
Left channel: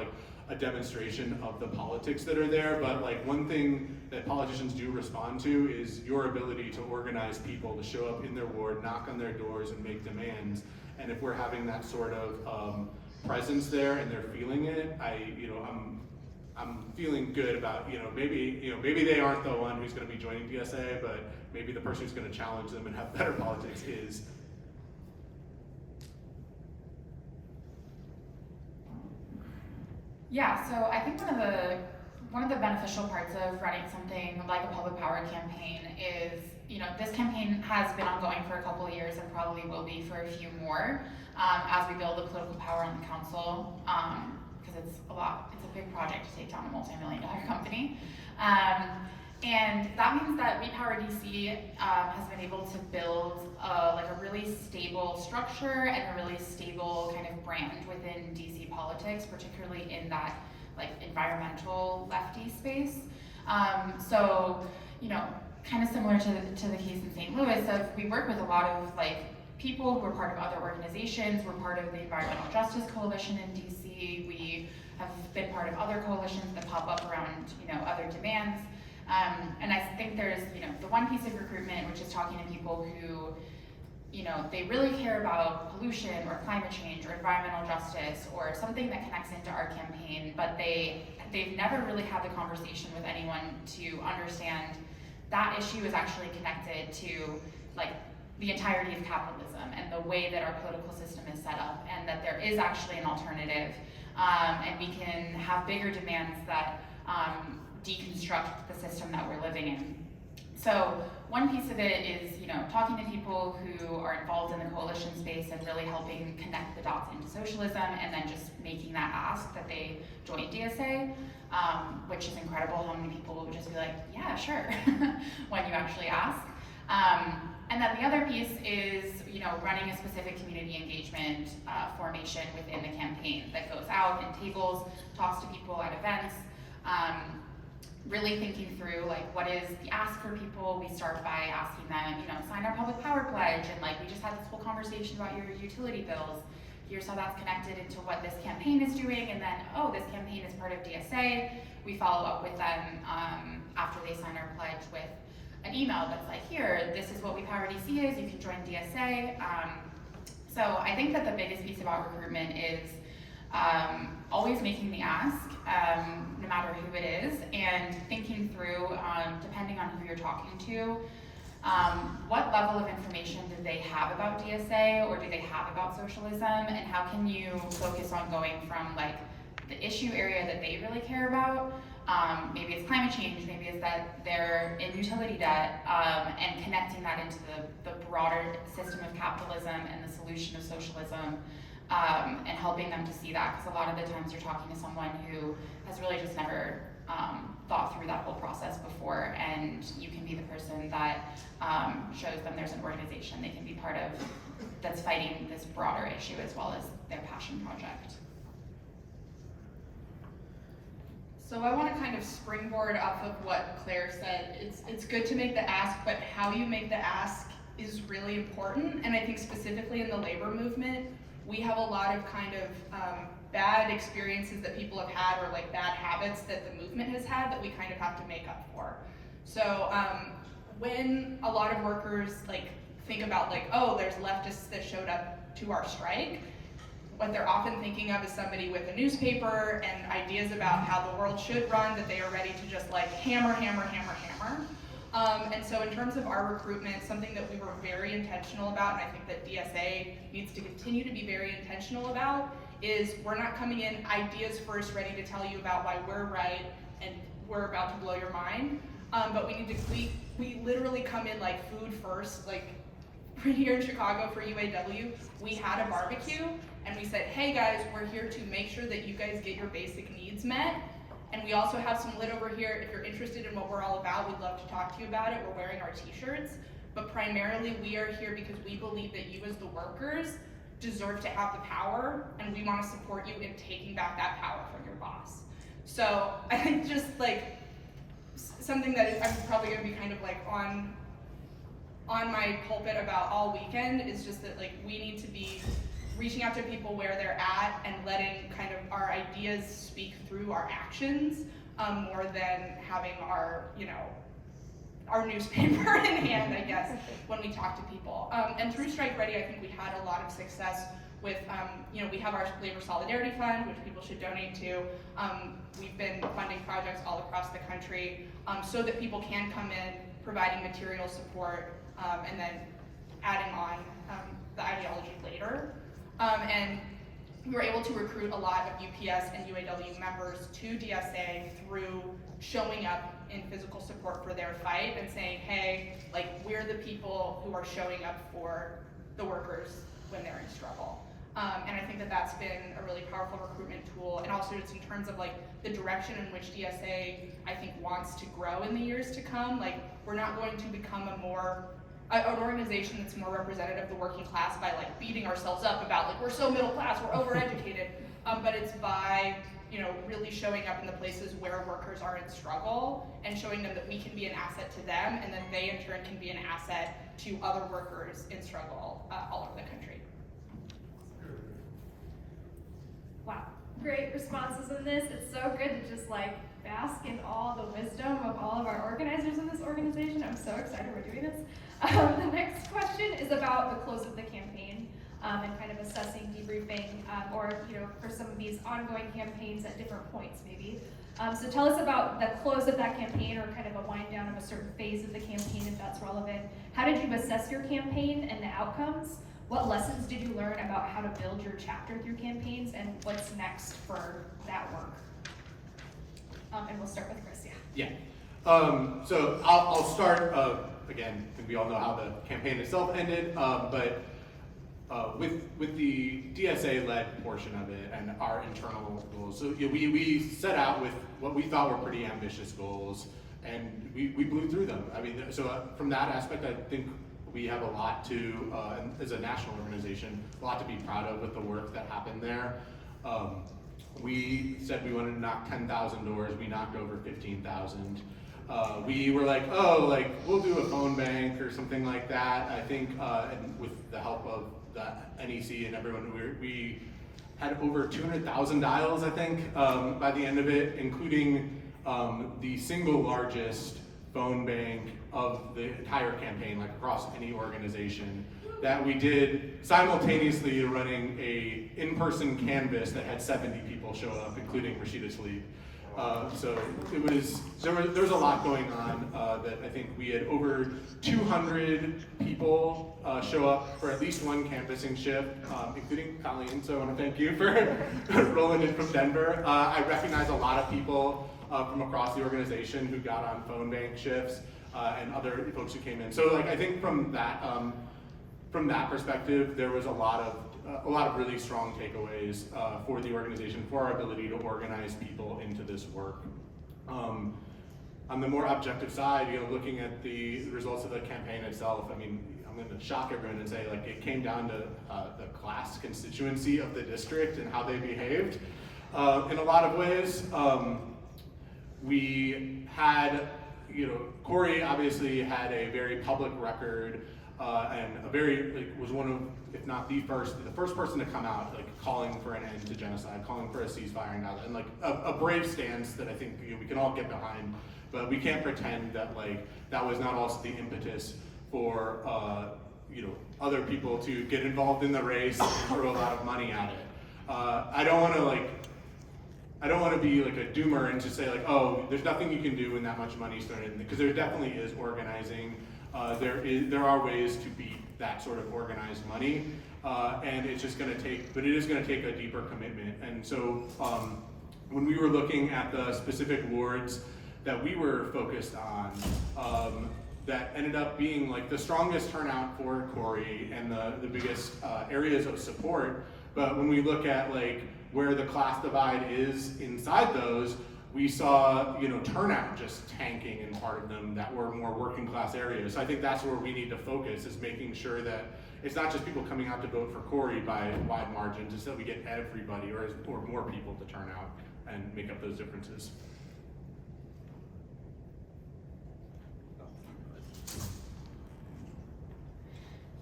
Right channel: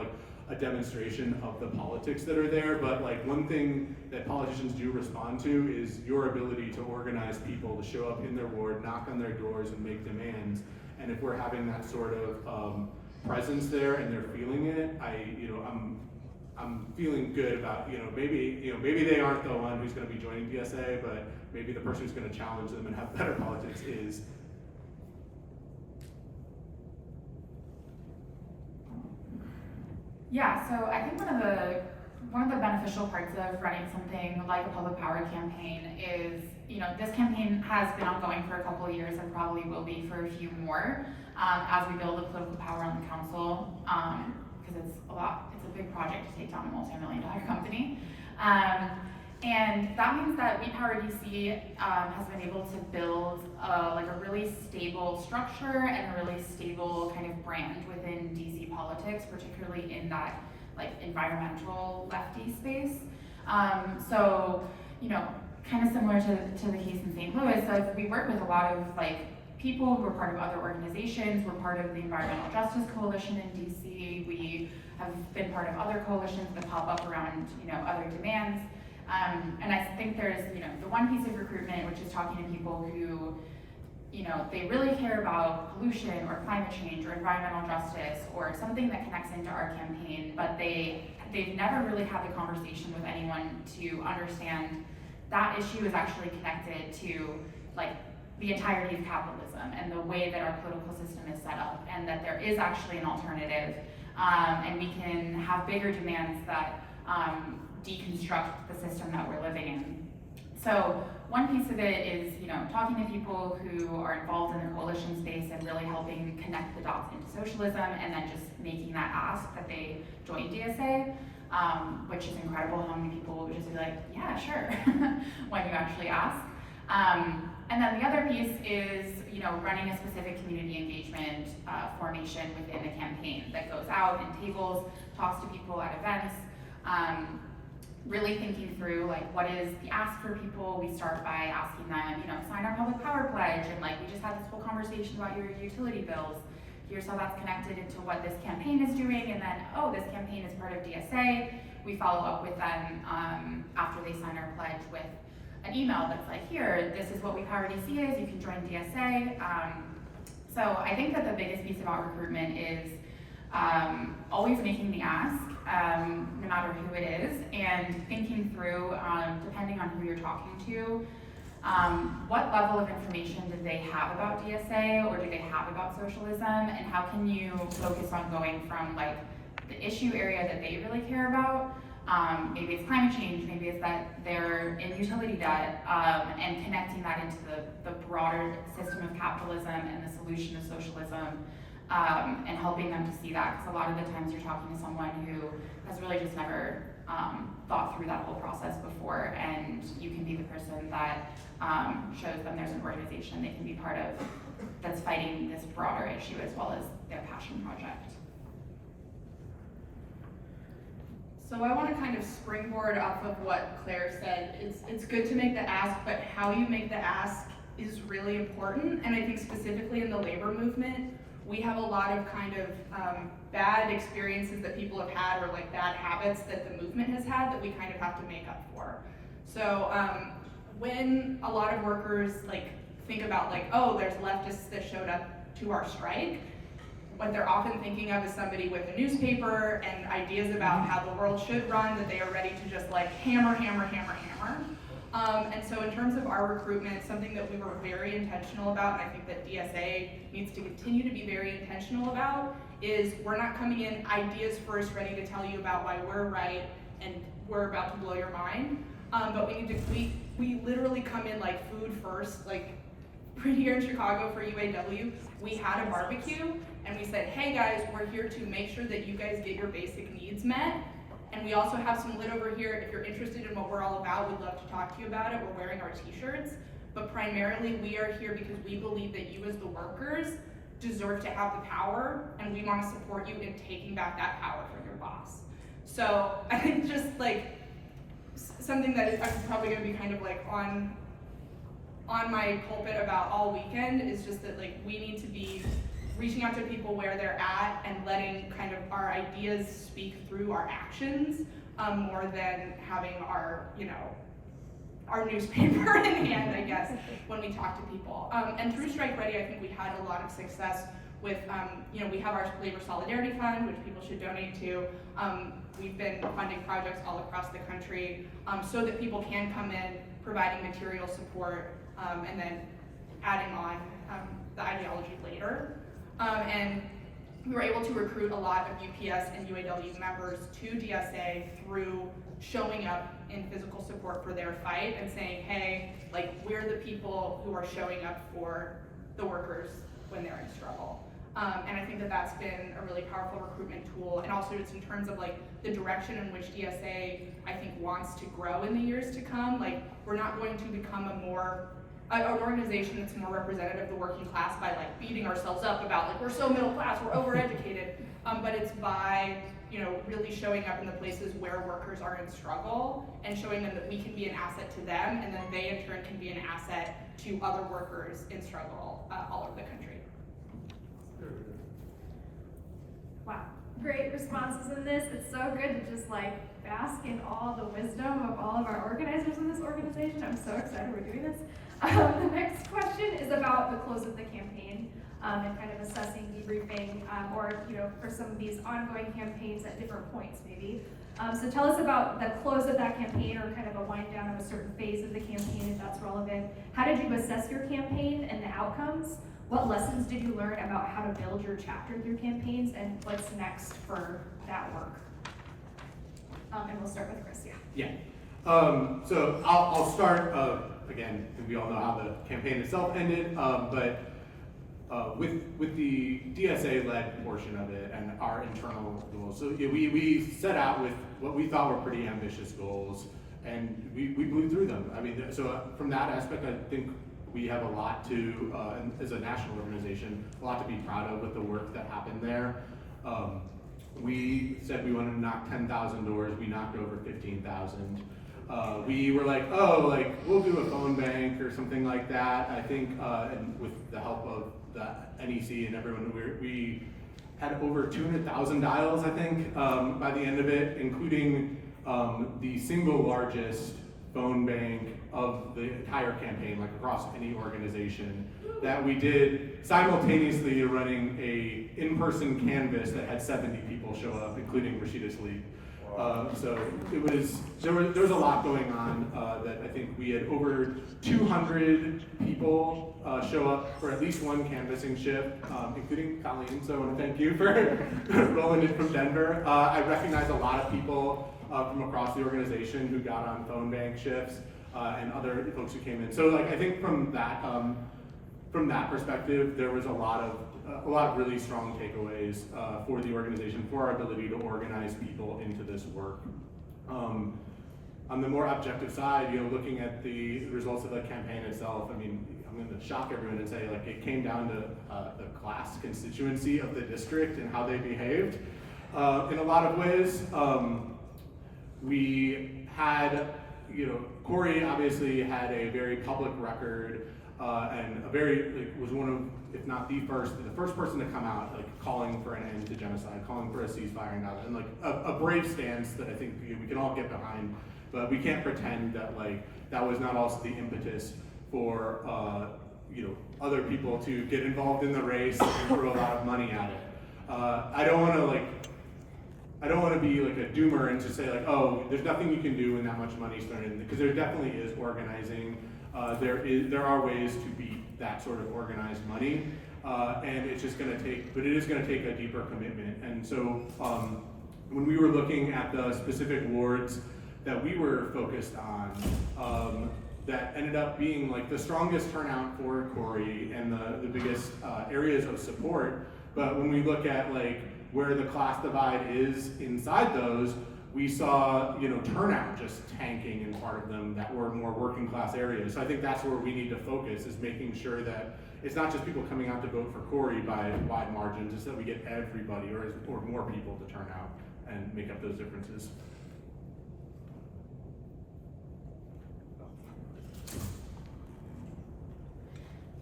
a demonstration of the politics that are there. But one thing that politicians do respond to is your ability to organize people to show up in their ward, knock on their doors, and make demands. And if we're having that sort of presence there and they're feeling it, I'm feeling good about, maybe they aren't the one who's going to be joining DSA, but maybe the person who's going to challenge them and have better politics is. Yeah, so I think one of the beneficial parts of running something like a public power campaign is, this campaign has been ongoing for a couple of years and probably will be for a few more as we build the political power on the council. Because it's a big project to take down a multi-million-dollar company. And that means that We Power DC has been able to build a really stable structure and a really stable kind of brand within DC politics, particularly in that environmental lefty space. So, kind of similar to the case in St. Louis, we work with a lot of people who are part of other organizations. We're part of the Environmental Justice Coalition in DC. We have been part of other coalitions that pop up around, other demands. And I think there's, the one piece of recruitment, which is talking to people who, they really care about pollution or climate change or environmental justice or something that connects into our campaign, but they've never really had the conversation with anyone to understand that issue is actually connected to the entirety of capitalism and the way that our political system is set up, and that there is actually an alternative, and we can have bigger demands that deconstruct the system that we're living in. So one piece of it is, talking to people who are involved in the coalition space and really helping connect the dots into socialism, and then just making that ask that they join DSA, which is incredible how many people will just be yeah, sure, when you actually ask. And then the other piece is, running a specific community engagement formation within the campaign that goes out and tables, talks to people at events, really thinking through what is the ask for people. We start by asking them, sign our public power pledge, and we just had this whole conversation about your utility bills. Here's how that's connected into what this campaign is doing, and then, oh, this campaign is part of DSA. We follow up with them after they sign our pledge with an email that's here, this is what We Power DC is, you can join DSA. So I think that the biggest piece about recruitment is always making the ask, no matter who it is, and thinking through, depending on who you're talking to, what level of information do they have about DSA or do they have about socialism, and how can you focus on going from like the issue area that they really care about, maybe it's climate change, maybe it's that they're in utility debt, and connecting that into the broader system of capitalism and the solution of socialism, and helping them to see that, because a lot of the times you're talking to someone who has really just never thought through that whole process before, and you can be the person that shows them there's an organization they can be part of that's fighting this broader issue as well as their passion project. So I want to kind of springboard off of what Claire said. It's good to make the ask, but how you make the ask is really important. And I think specifically in the labor movement, we have a lot of kind of bad experiences that people have had, or like bad habits that the movement has had that we kind of have to make up for. So when a lot of workers like think about like, oh, there's leftists that showed up to our strike, what they're often thinking of is somebody with a newspaper and ideas about how the world should run, that they are ready to just like hammer. And so in terms of our recruitment, something that we were very intentional about, and I think that DSA needs to continue to be very intentional about, is we're not coming in ideas first, ready to tell you about why we're right and we're about to blow your mind. But we literally come in like food first. Like here in Chicago for UAW, we had a barbecue and we said, hey guys, we're here to make sure that you guys get your basic needs met. And we also have some lit over here. If you're interested in what we're all about, we'd love to talk to you about it. We're wearing our t-shirts, but primarily we are here because we believe that you as the workers deserve to have the power, and we want to support you in taking back that power from your boss. So I think just like something that I'm probably gonna be kind of like on my pulpit about all weekend is just that like we need to be reaching out to people where they're at and letting kind of our ideas speak through our actions, more than having our, our newspaper in hand, I guess, when we talk to people. And through Strike Ready, I think we had a lot of success with, we have our Labor Solidarity Fund, which people should donate to. We've been funding projects all across the country so that people can come in, providing material support, and then adding on the ideology later. And we were able to recruit a lot of UPS and UAW members to DSA through showing up in physical support for their fight and saying, hey, like we're the people who are showing up for the workers when they're in struggle. And I think that that's been a really powerful recruitment tool, and also just in terms of like the direction in which DSA, I think, wants to grow in the years to come. Like we're not going to become an organization that's more representative of the working class by like beating ourselves up about like we're so middle class, we're overeducated, but it's by really showing up in the places where workers are in struggle and showing them that we can be an asset to them, and then they in turn can be an asset to other workers in struggle all over the country. Wow, great responses in this. It's so good to just like bask in all the wisdom of all of our organizers in this organization. I'm so excited we're doing this. The next question is about the close of the campaign and kind of assessing, debriefing, or for some of these ongoing campaigns at different points maybe. So tell us about the close of that campaign, or kind of a wind down of a certain phase of the campaign if that's relevant. How did you assess your campaign and the outcomes? What lessons did you learn about how to build your chapter through campaigns, and what's next for that work? And we'll start with Chris, Yeah. So I'll start, again, I think we all know how the campaign itself ended, but with the DSA-led portion of it and our internal goals. So we set out with what we thought were pretty ambitious goals, and we blew through them. I mean, so from that aspect, I think we have a lot to, as a national organization, a lot to be proud of with the work that happened there. We said we wanted to knock 10,000 doors, we knocked over 15,000. We were like, we'll do a phone bank or something like that. I think, and with the help of the NEC and everyone, we had over 200,000 dials, I think, by the end of it, including the single largest phone bank of the entire campaign, like across any organization, that we did simultaneously running a in-person canvas that had 70 people show up, including Rashida Tlaib. So there was a lot going on that I think we had over 200 people show up for at least one canvassing shift, including Colleen, so I want to thank you for rolling in from Denver. I recognize a lot of people from across the organization who got on phone bank shifts and other folks who came in. So like I think from that perspective, there was a lot of really strong takeaways for the organization, for our ability to organize people into this work. On the more objective side, looking at the results of the campaign itself, I mean, I'm going to shock everyone and say, like, it came down to the class constituency of the district and how they behaved. In a lot of ways, we had, Corey obviously had a very public record and was one of, if not the first person to come out, like calling for an end to genocide, calling for a ceasefire and that, and like a brave stance that I think we can all get behind. But we can't pretend that like that was not also the impetus for other people to get involved in the race and throw a lot of money at it. I don't want to be like a doomer and just say like, oh, there's nothing you can do when that much money's thrown in, because there definitely is organizing. There are ways to beat that sort of organized money, and it's just going to take, but it is going to take a deeper commitment. And so when we were looking at the specific wards that we were focused on, that ended up being like the strongest turnout for Corey and the biggest areas of support. But when we look at like where the class divide is inside those, we saw turnout just tanking in part of them that were more working class areas. So I think that's where we need to focus, is making sure that it's not just people coming out to vote for Corey by wide margins, it's that we get everybody or more people to turn out and make up those differences.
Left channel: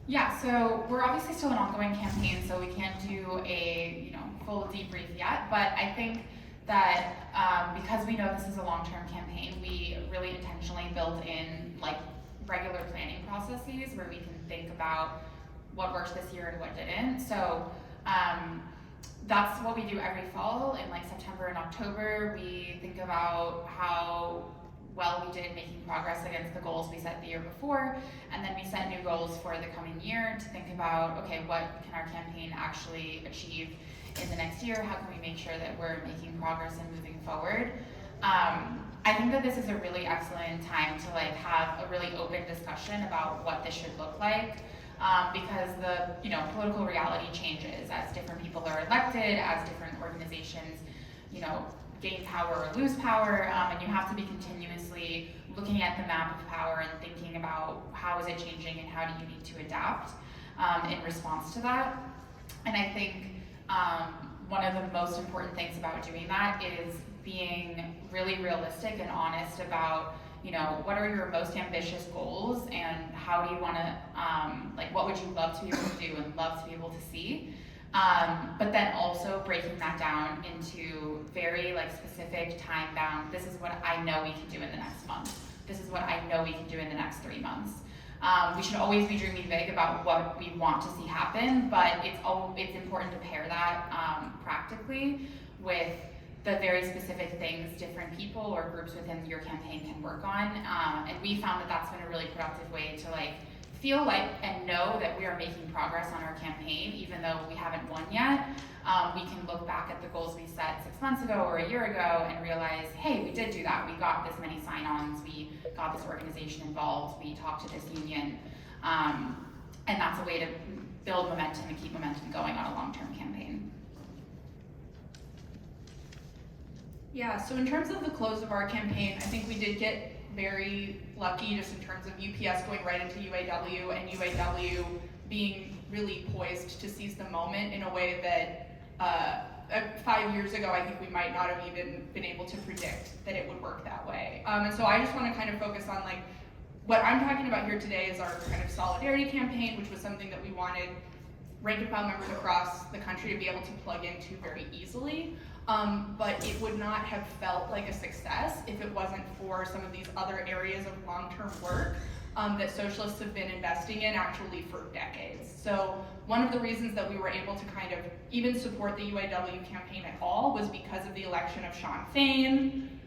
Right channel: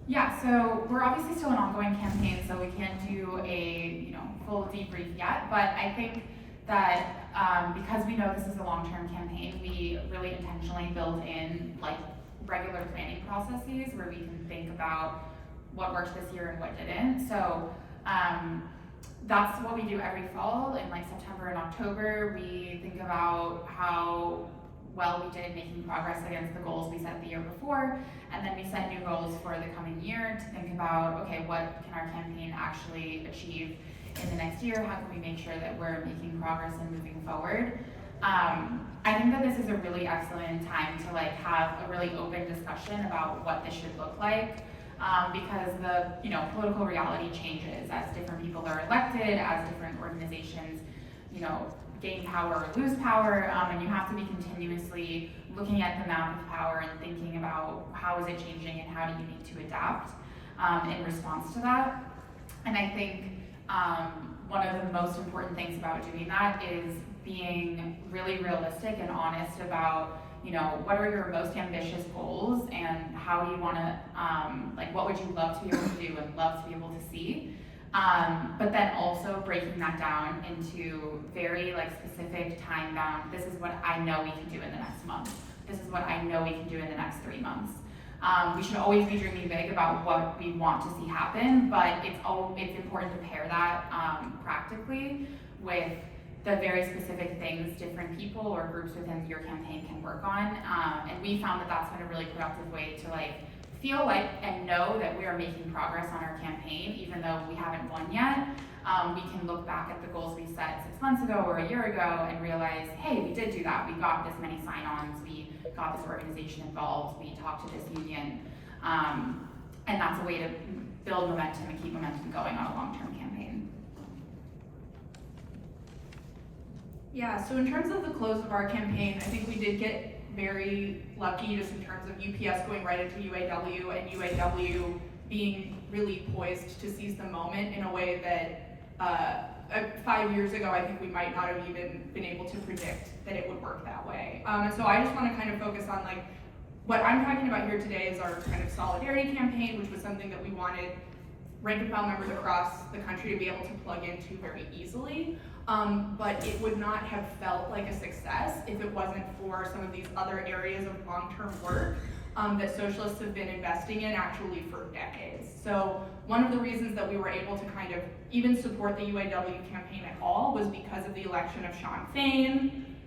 Yeah, so we're obviously still an ongoing campaign, so we can't do a full debrief yet, but I think that because we know this is a long-term campaign, we really intentionally build in like regular planning processes where we can think about what worked this year and what didn't. So that's what we do every fall. In like September and October, we think about how well we did making progress against the goals we set the year before, and then we set new goals for the coming year to think about, okay, what can our campaign actually achieve in the next year? How can we make sure that we're making progress and moving forward? I think that this is a really excellent time to like have a really open discussion about what this should look like, because the political reality changes as different people are elected, as different organizations gain power or lose power, and you have to be continuously looking at the map of power and thinking about how is it changing and how do you need to adapt in response to that. And I think one of the most important things about doing that is being really realistic and honest about what are your most ambitious goals and how do you want to what would you love to be able to do and love to be able to see. But then also breaking that down into very specific time bound, this is what I know we can do in the next month. This is what I know we can do in the next 3 months. We should always be dreaming big about what we want to see happen, but it's important to pair that practically with the very specific things different people or groups within your campaign can work on. And we found that that's been a really productive way to feel like and know that we are making progress on our campaign, even though we haven't won yet. We can look back at the goals we set 6 months ago or a year ago and realize, hey, we did do that. We got this many sign-ons. We got this organization involved. We talked to this union. And that's a way to build momentum and keep momentum going on a long-term campaign. Yeah, so in terms of the close of our campaign, I think we did get very lucky just in terms of UPS going right into UAW and UAW being really poised to seize the moment in a way that 5 years ago I think we might not have even been able to predict that it would work that way. And so I just want to kind of focus on what I'm talking about here today is our kind of solidarity campaign, which was something that we wanted rank and file members across the country to be able to plug into very easily. but it would not have felt like a success if it wasn't for some of these other areas of long-term work that socialists have been investing in actually for decades. So one of the reasons that we were able to kind of even support the UAW campaign at all was because of the election of Sean Fain.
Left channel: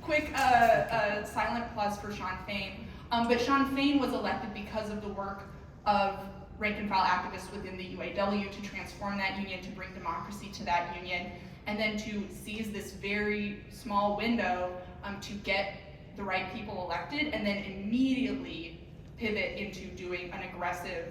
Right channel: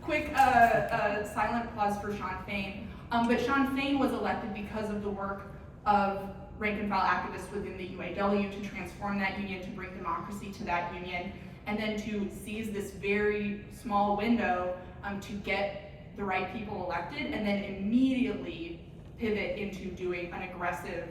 Quick silent applause for Sean Fain. But Sean Fain was elected because of the work of rank and file activists within the UAW to transform that union, to bring democracy to that union, and then to seize this very small window to get the right people elected, and then immediately pivot into doing an aggressive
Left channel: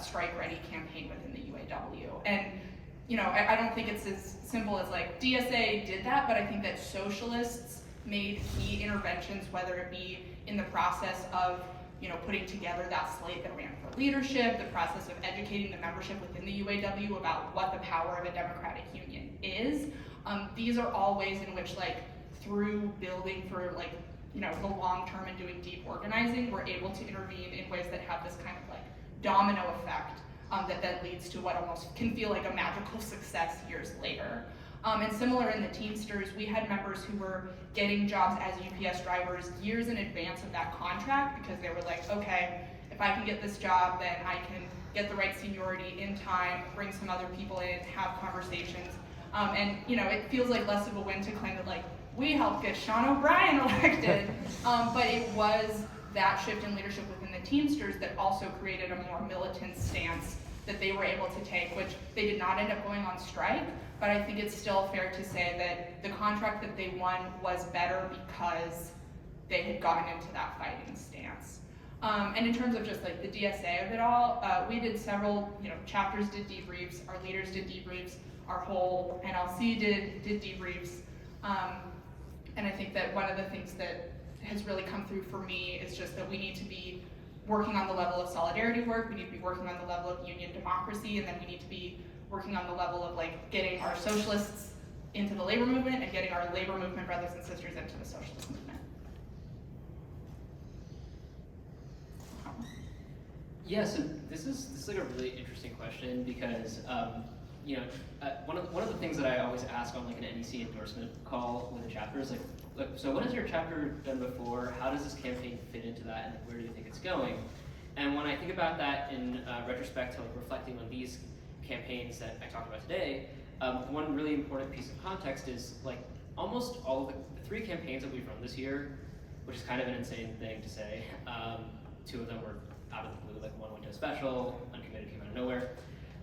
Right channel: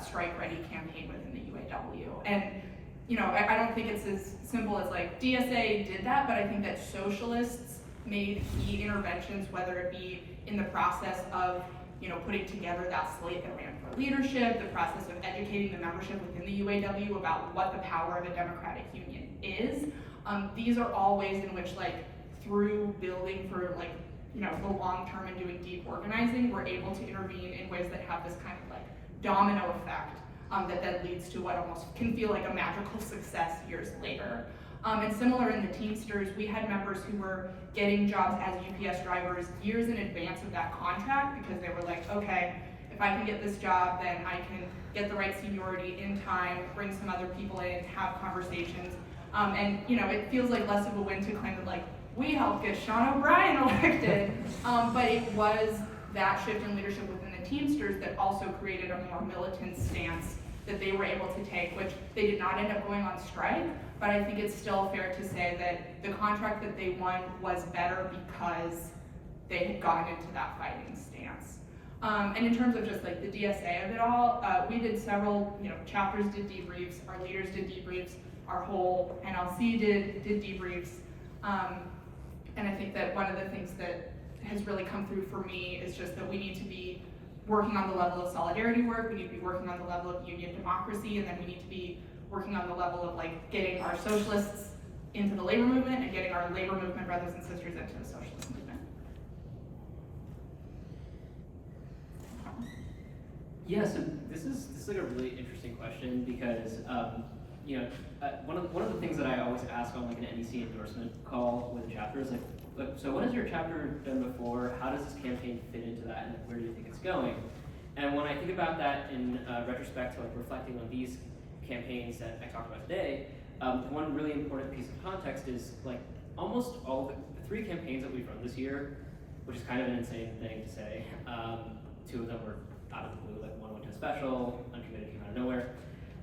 strike-ready campaign within the UAW. And you know, I don't think it's as simple as like DSA did that, but I think that socialists made key interventions, whether it be in the process of, you know, putting together that slate that ran for leadership, the process of educating the membership within the UAW about what the power of a democratic union is. These are all ways in which, like, through building for, like, you know, the long term and doing deep organizing, we're able to intervene in ways that have this kind of like domino effect that then leads to what almost can feel like a magical success years later. And similar in the Teamsters, we had members who were getting jobs as UPS drivers years in advance of that contract because they were like, okay, if I can get this job, then I can get the right seniority in time, bring some other people in, have conversations. And you know, it feels like less of a win to claim that like, we helped get Sean O'Brien elected, but it was that shift in leadership within the Teamsters that also created a more militant stance that they were able to take, which they did not end up going on strike, but I think it's still fair to say that the contract that they won was better because they had gotten into that fighting stance. And in terms of just like the DSA of it all, we did several, you know, chapters did debriefs, our leaders did debriefs, our whole NLC did debriefs. And I think that one of the things that has really come through for me is just that we need to be working on the level of solidarity work, we need to be working on the level of union democracy, and then we need to be working on the level of like getting our socialists into the labor movement and getting our labor movement brothers and sisters into the socialist movement. Yeah, so this is like a really interesting question because you know, one of the things that I always ask on like an NEC endorsement call with a chapter is like, look, so what has your chapter done before? How does this campaign fit into that, and where do you think it's going? And when I think about that in retrospect to like reflecting on these campaigns that I talked about today, one really important piece of context is like almost all of the three campaigns that we've run this year, which is kind of an insane thing to say. Two of them were out of the blue, like one went to a special, Uncommitted came out of nowhere.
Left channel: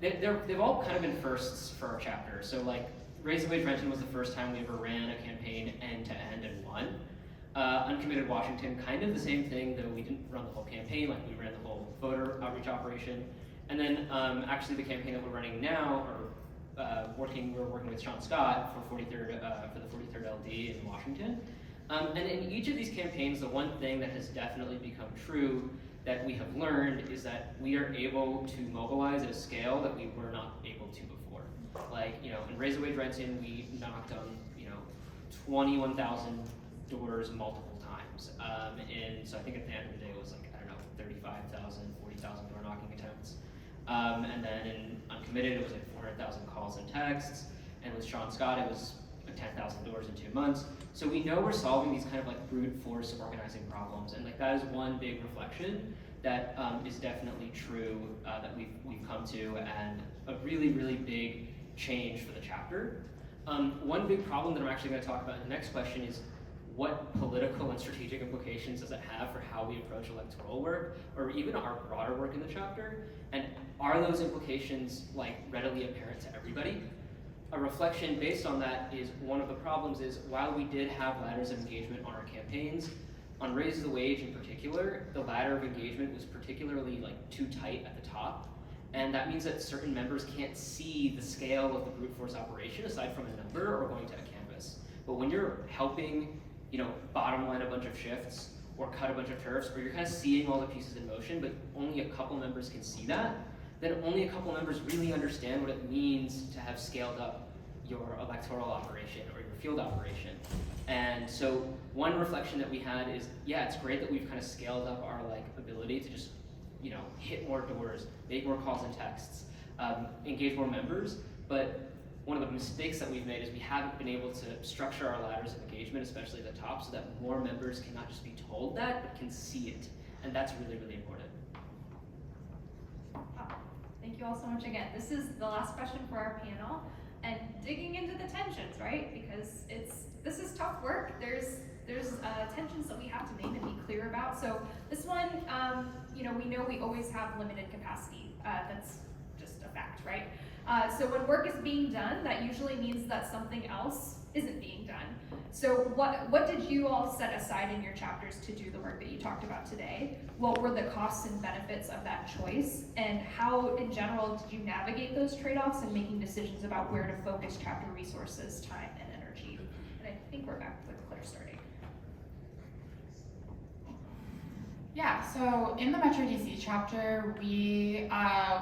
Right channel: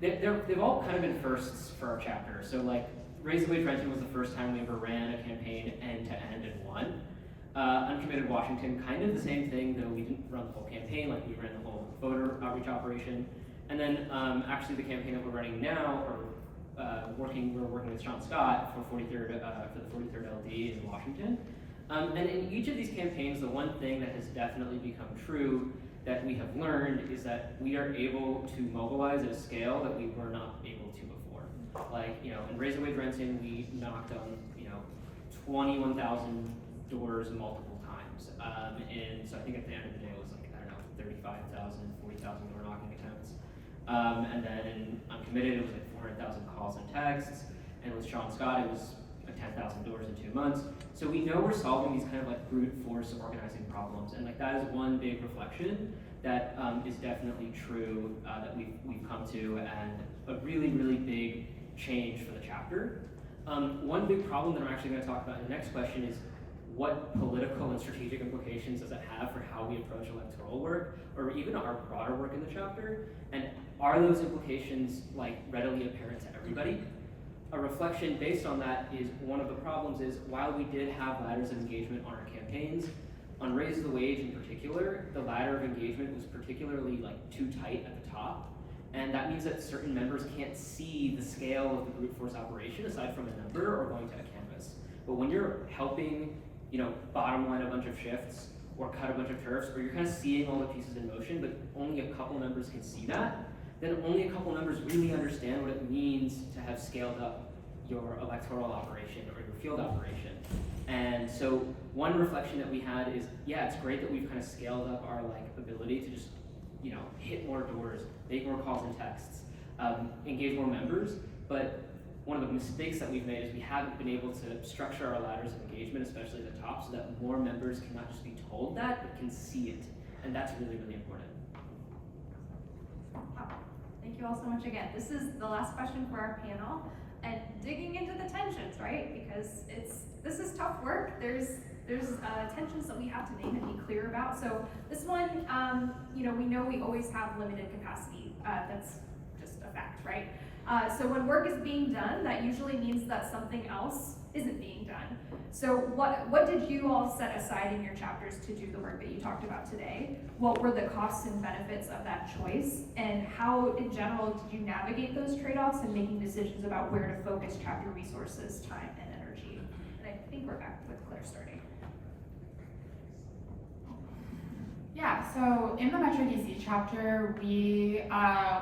They've all kind of been firsts for our chapter. So like, Raise the Wage Renton was the first time we ever ran a campaign end to end and won. Uncommitted Washington, kind of the same thing, though we didn't run the whole campaign, like we ran the whole voter outreach operation. And then actually the campaign that we're running now, or we're working with Sean Scott for the 43rd LD in Washington. And in each of these campaigns, the one thing that has definitely become true that we have learned is that we are able to mobilize at a scale that we were not able to before. Like, you know, in Raise the Wage Renton, we knocked on, you know, 21,000 doors multiple times. And so I think at the end of the day it was like, I don't know, 35,000, 40,000 door knocking attempts. And then in Uncommitted, it was like 400,000 calls and texts. And with Sean Scott, it was 10,000 doors in 2 months. So we know we're solving these kind of like brute force organizing problems, and like that is one big reflection that is definitely true that we've come to, and a really, really big change for the chapter. One big problem that I'm actually going to talk about in the next question is what political and strategic implications does it have for how we approach electoral work, or even our broader work in the chapter, and are those implications like readily apparent to everybody? A reflection based on that is one of the problems is while we did have ladders of engagement on our campaigns, on Raise the Wage in particular, the ladder of engagement was particularly like too tight at the top. And that means that certain members can't see the scale of the brute force operation aside from a number or going to a canvas. But when you're helping, you know, bottom line a bunch of shifts or cut a bunch of turfs, or you're kind of seeing all the pieces in motion, but only a couple members can see that, then only a couple members really understand what it means to have scaled up your electoral operation or your field operation. And so one reflection that we had is, yeah, it's great that we've kind of scaled up our like ability to just, you know, hit more doors, make more calls and texts, engage more members, but one of the mistakes that we've made is we haven't been able to structure our ladders of engagement, especially at the top, so that more members can not just be told that, but can see it. And that's really, really important. Thank you all so much again. This is the last question for our panel, and digging into the tensions, right? Because this is tough work. There's tensions that we have to name and be clear about. So this one, we know we always have limited capacity. That's just a fact, right? So when work is being done, that usually means that something else isn't being done. So what did you all set aside in your chapters to do the work that you talked about today? What were the costs and benefits of that choice? And how, in general, did you navigate those trade-offs in making decisions about where to focus chapter resources, time, and energy? And I think we're back with Claire starting. Yeah, so in the Metro DC chapter, we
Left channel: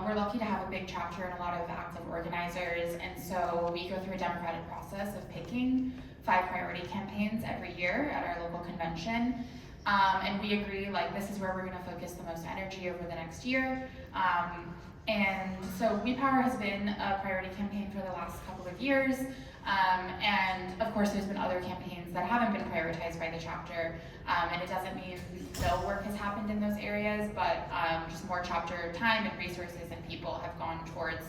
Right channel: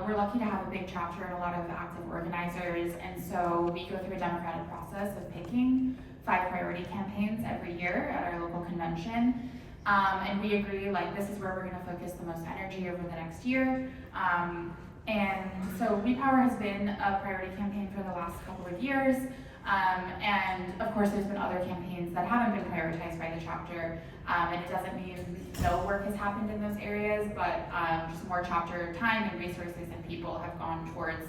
we're lucky to have a big chapter and a lot of active organizers, and so we go through a democratic process of picking 5 priority campaigns every year at our local convention, and we agree, like, this is where we're gonna focus the most energy over the next year, and so We Power has been a priority campaign for the last couple of years, and of course there's been other campaigns that haven't been prioritized by the chapter, and it doesn't mean no work has happened in those areas, but just more chapter time and resources and people have gone towards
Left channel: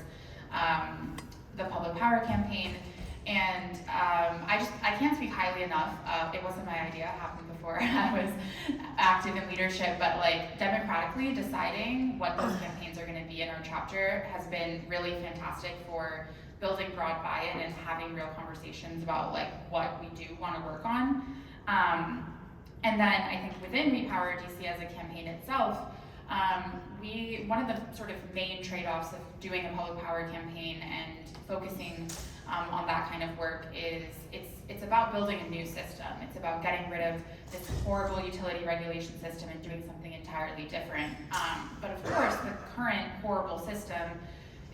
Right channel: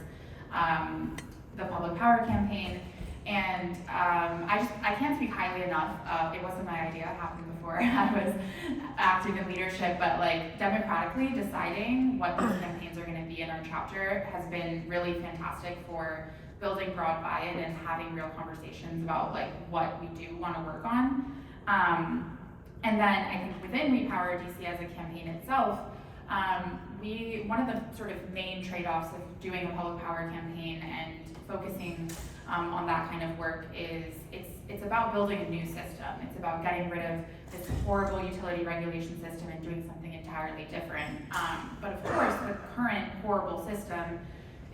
the Public Power campaign. And I can't speak highly enough. It wasn't my idea, it happened before I was active in leadership, but like democratically deciding what those campaigns are gonna be in our chapter has been really fantastic for building broad buy-in and having real conversations about like what we do wanna work on. And then I think within We Power DC as a campaign itself, one of the sort of main trade-offs of doing a public power campaign and focusing on that kind of work is it's about building a new system. It's about getting rid of this horrible utility regulation system and doing something entirely different. But of course, the current horrible system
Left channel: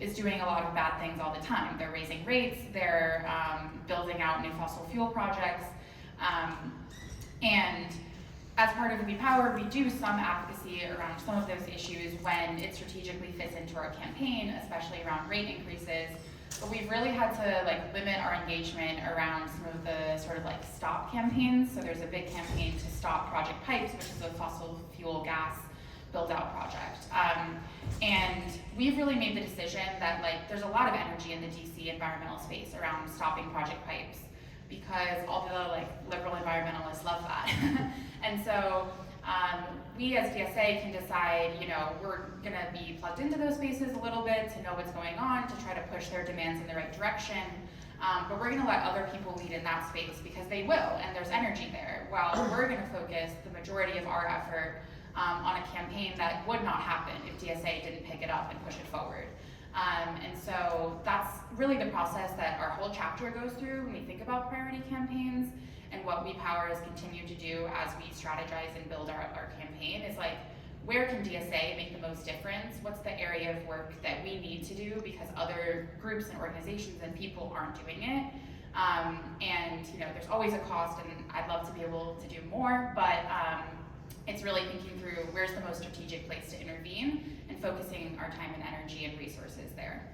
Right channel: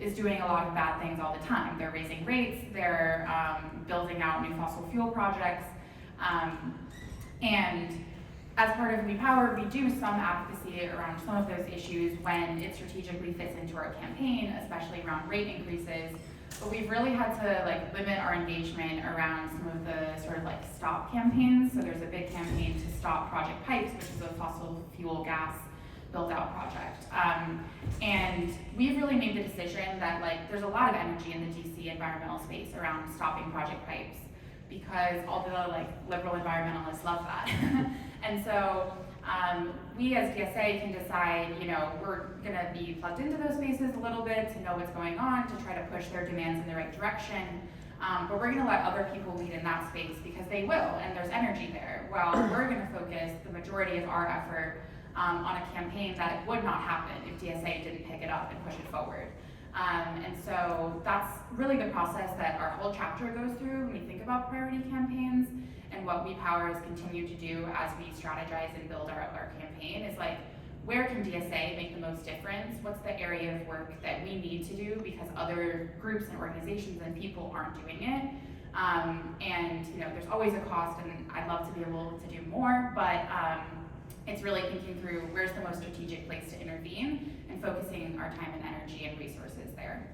is doing a lot of bad things all the time. They're raising rates, they're building out new fossil fuel projects, and as part of We Power, we do some advocacy around some of those issues when it strategically fits into our campaign, especially around rate increases. But we've really had to like limit our engagement around some of the sort of like stop campaigns. So there's a big campaign to stop Project Pipes, which is a fossil fuel gas build-out project. And we've really made the decision that like there's a lot of energy in the DC environmental space around stopping Project Pipes, because all the like liberal environmentalists love that. And so we as DSA can decide, we're gonna be plugged into those spaces a little bit to know what's going on, to try to push their demands in the right direction. But we're gonna let other people lead in that space because they will, and there's energy there. While we're gonna focus the majority of our effort on a campaign that would not happen if DSA didn't pick it up and push it forward. And so that's really the process that our whole chapter goes through when we think about priority campaigns, and what We Power has continued to do as we strategize and build our campaign is like, where can DSA make the most difference? What's the area of work that we need to do because other groups and organizations and people aren't doing it? And there's always a cost, and I'd love to be able to do more, but it's really thinking through where's the most strategic place to intervene and focusing our time and energy and resources there.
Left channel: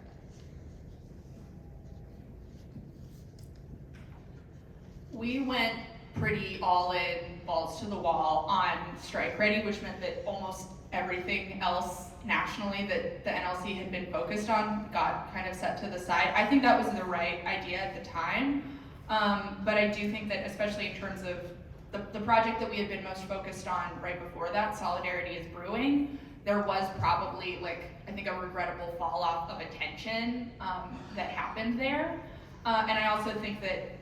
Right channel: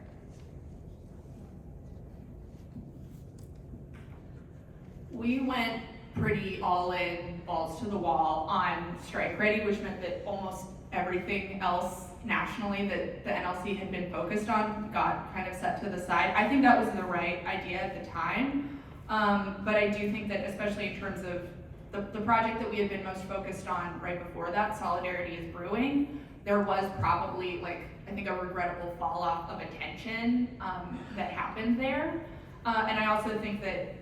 We went pretty all in, balls to the wall on strike ready, which meant that almost everything else nationally that the NLC had been focused on got kind of set to the side. I think that was the right idea at the time, but I do think that especially in terms of the project that we had been most focused on right before that, Solidarity is Brewing, there was probably I think a regrettable fall off of attention that happened there. And I also think that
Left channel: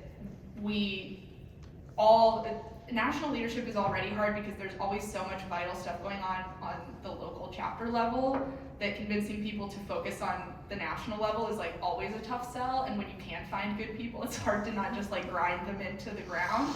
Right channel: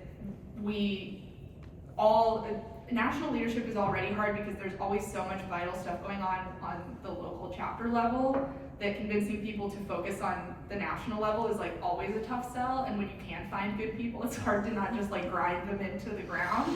national leadership is already hard because there's always so much vital stuff going on the local chapter level that convincing people to focus on the national level is always a tough sell. And when you can't find good people, it's hard to not just grind them into the ground.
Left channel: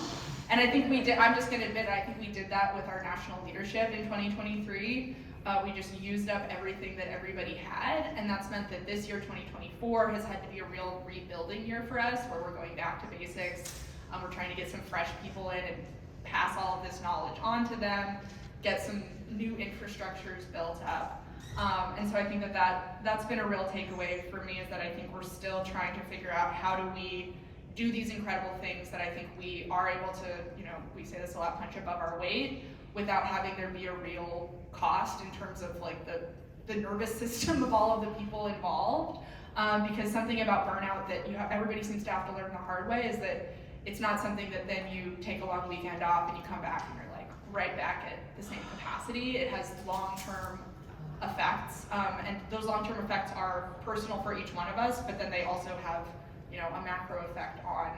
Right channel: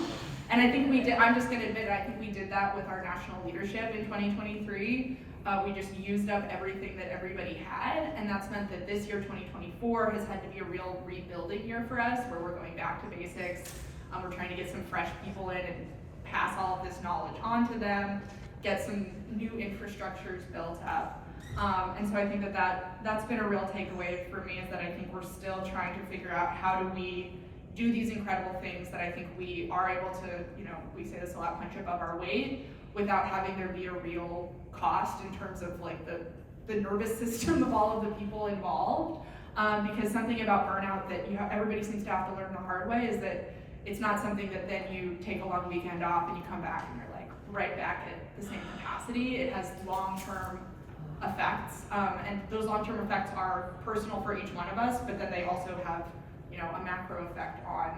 And I think we did, I'm just gonna admit, I think we did that with our national leadership in 2023. We just used up everything that everybody had, and that's meant that this year, 2024, has had to be a real rebuilding year for us, where we're going back to basics. We're trying to get some fresh people in and pass all of this knowledge on to them, get some new infrastructures built up. And so I think that's been a real takeaway for me, is that I think we're still trying to figure out how do we do these incredible things that I think we are able to, we say this a lot, punch above our weight without having there be a real cost in terms of like the nervous system of all of the people involved. Because something about burnout that everybody seems to have to learn the hard way is that it's not something that then you take a long weekend off and you come back and you're like right back at the same capacity. It has long-term effects, and those long-term effects are personal for each one of us, but then they also have a macro effect on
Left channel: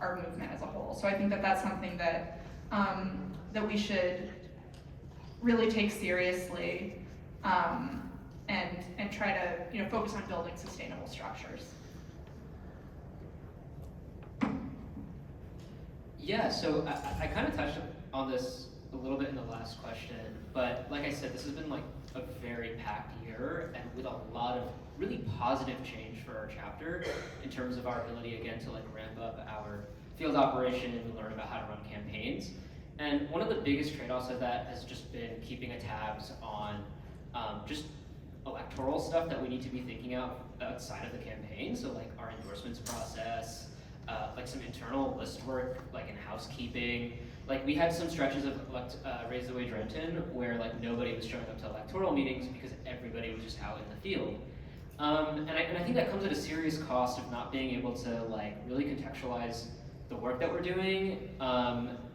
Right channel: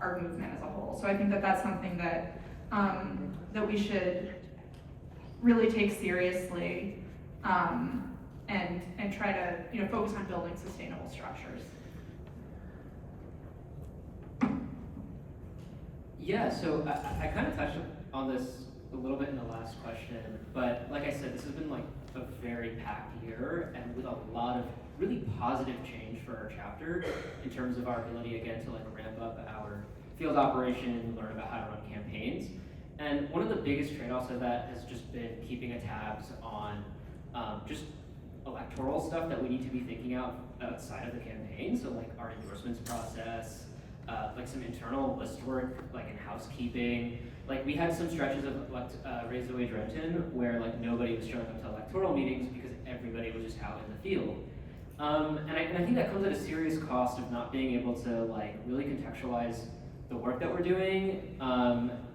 our movement as a whole. So I think that that's something that that we should really take seriously, and try to focus on building sustainable structures. Yeah, so I kind of touched on this a little bit in the last question, but like I said, this has been like a very packed year and with a lot of really positive change for our chapter in terms of our ability again to like ramp up our field operation and learn about how to run campaigns. And one of the biggest trade-offs of that has just been keeping a tabs on just electoral stuff that we need to be thinking outside of the campaign. So like our endorsements process, like some internal list work, like in housekeeping. Like we had some stretches of Raise the Wage Renton where like nobody was showing up to electoral meetings because everybody was just out in the field. And I think that comes at a serious cost of not being able to like really contextualize the work that we're doing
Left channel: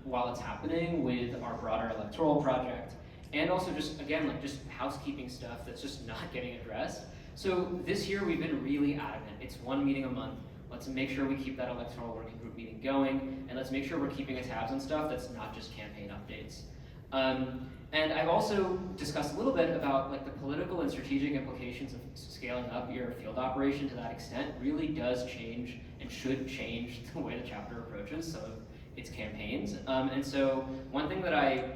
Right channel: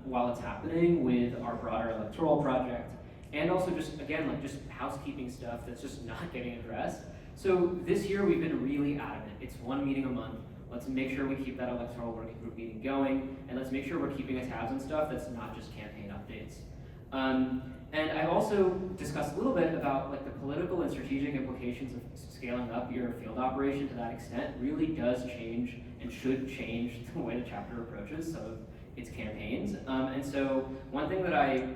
while it's happening with our broader electoral project, and also just again like just housekeeping stuff that's just not getting addressed. So this year we've been really adamant. It's one meeting a month. Let's make sure we keep that electoral working group meeting going, and let's make sure we're keeping tabs on stuff that's not just campaign updates. And I've also discussed a little bit about like the political and strategic implications of scaling up your field operation to that extent really does change and should change the way the chapter approaches some of its campaigns. And so one thing that I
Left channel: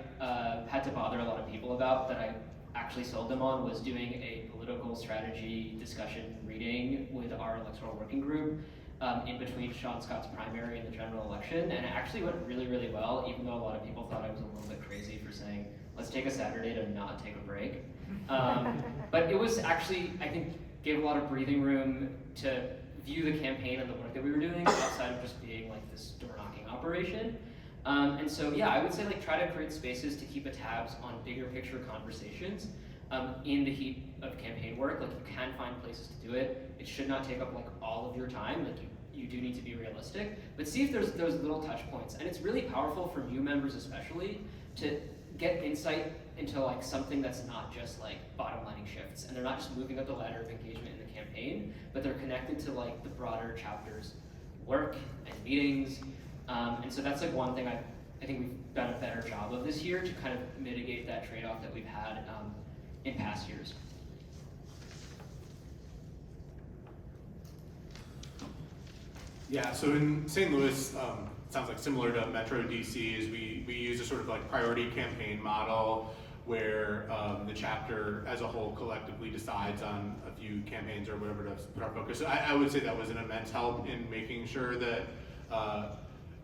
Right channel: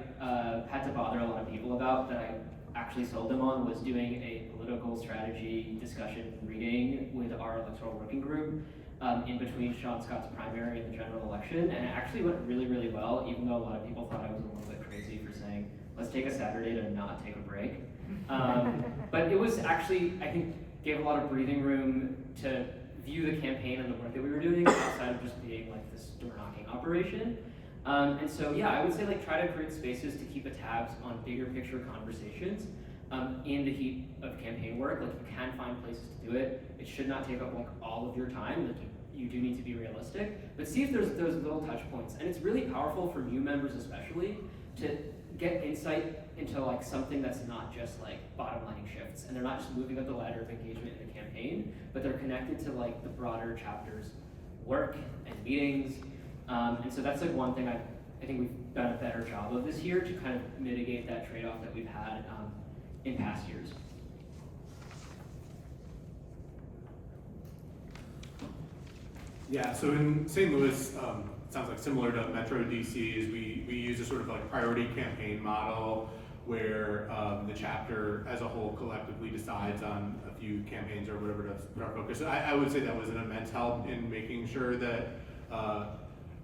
had to bother a lot of people about that I actually sold them on was doing a political strategy discussion reading with our electoral working group in between Sean Scott's primary and the general election, and it actually went really, really well, even though a lot of people thought I was a little bit crazy for saying, let's take a Saturday to not take a break. But it was actually, I think, gave a lot of breathing room to view the campaign and the work that we were doing outside of just being like this door-knocking operation. And so, yeah, I would say like try to create spaces to keep a tabs on bigger picture conversations in the heat of campaign work. Like you can find places to do it. It should not take up like all of your time. Like you do need to be realistic, but see if there's those little touch points. And it's really powerful for new members especially to get insight into like something that's not just like bottom lining shifts, and they're not just moving up the ladder of engagement in the campaign, but they're connected to like the broader chapter's work and meetings. And so that's like one thing I think we've done a better job of this year to kind of mitigate that trade-off that we've had in past years. Yeah, so in St. Louis, it sounds like similar to Metro DC, is we use a sort of like priority campaign model where the chapter as a whole collectively decides on a few campaigns or whatever to put our focus. So I would say that was an immense help in making sure that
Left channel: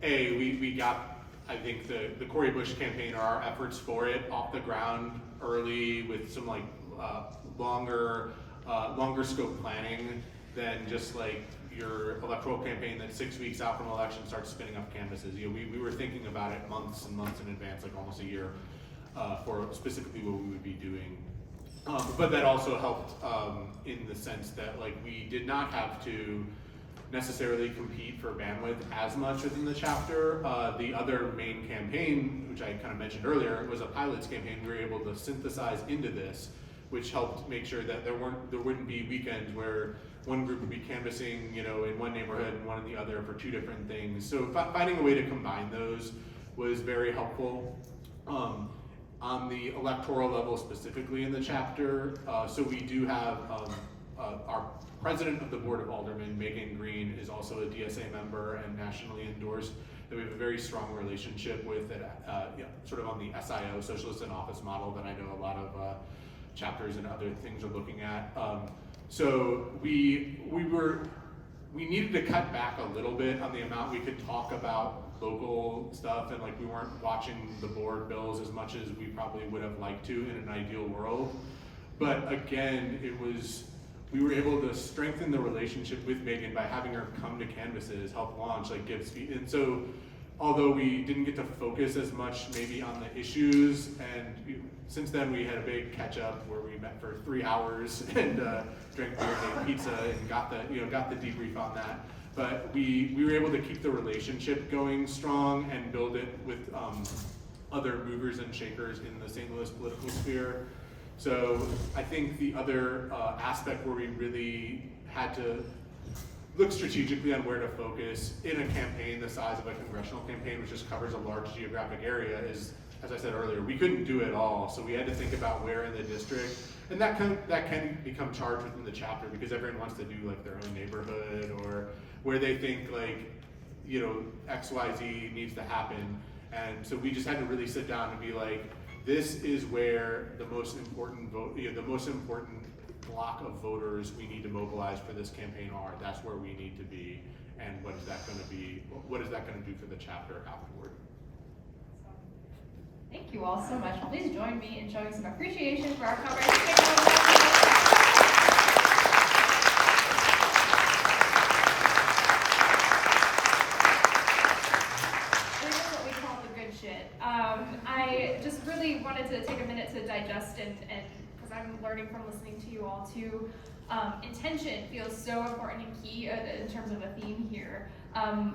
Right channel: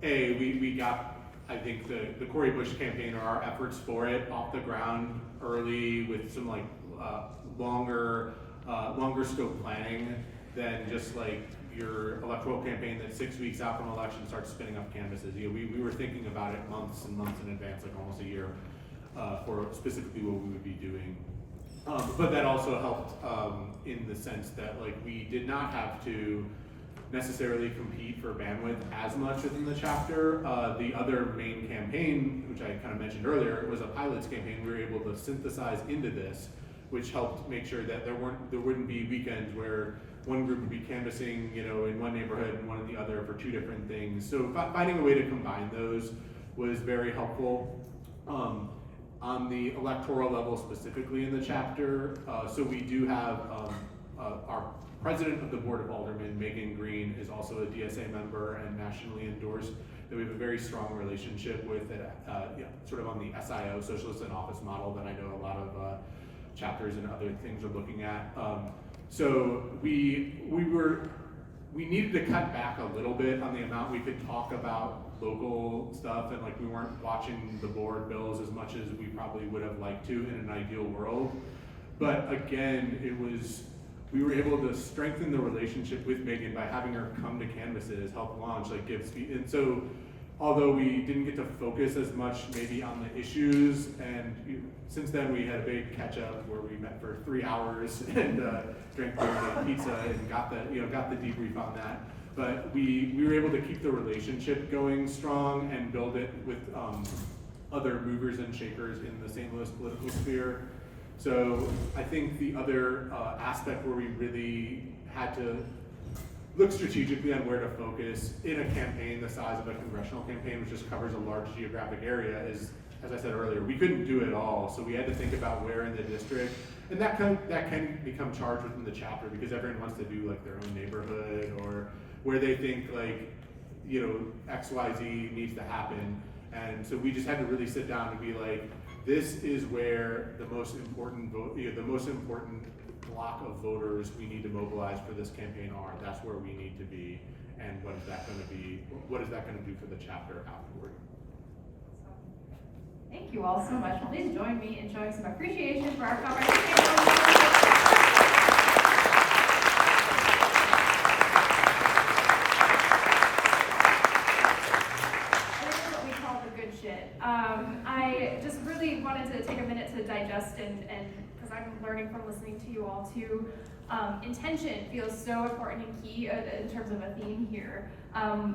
we got, I think, the Cori Bush campaign or our efforts for it off the ground early with some like longer scope planning than just like your electoral campaign that's 6 weeks out from election starts spinning up canvases. We were thinking about it months and months in advance, like almost a year, for specifically what we would be doing. But that also helped in the sense that like we did not have to necessarily compete for bandwidth as much within the chapter. The other main campaign, which I kind of mentioned earlier, was a pilots campaign we were able to synthesize into this, which helped make sure that there wouldn't be weekends where one group would be canvassing, in one neighborhood and one in the other for two different things. So finding a way to combine those was very helpful. On the electoral level specifically in the chapter, so we do have our president of the Board of Aldermen, Megan Green, is also a DSA member and nationally endorsed, that we have a very strong relationship with, sort of on the SIO, Socialist in Office model, that I know a lot of chapters and other things are looking at. So we needed to cut back a little bit on the amount we could talk about local stuff, and like we weren't watching the board bills as much as we probably would have liked to in an ideal world. But again, we were able to strengthen the relationship with Megan by having her come to canvases, help launch, like give speech. And so, although we didn't get to focus as much maybe on the issues, and since then we had a big catch up where we met for 3 hours and drank beer and ate pizza and got the debrief on that. But we were able to keep the relationship going strong and build it with other movers and shakers in the St. Louis political sphere. So I think the other aspect where we really had to look strategically on where to focus in a campaign the size of a congressional campaign, which just covers a large geographic area, is, as I said earlier, we couldn't do it all. So we had to think about where in the district, and that can become charged within the chapter because everyone wants to do like their own neighborhood or where they think like, you know, XYZ needs to happen. And so we just had to really sit down and be like, this is where the most important block of voters we need to mobilize for this campaign are. That's where we need to be, and what is that going to be? What is that going to do for the chapter afterward? Thank you all so much. Please join me in showing some appreciation for our conversation. I just really wanted to take a minute to digest and because I'm learning from listening to you all too. Intention feels so important and key in terms of a theme here.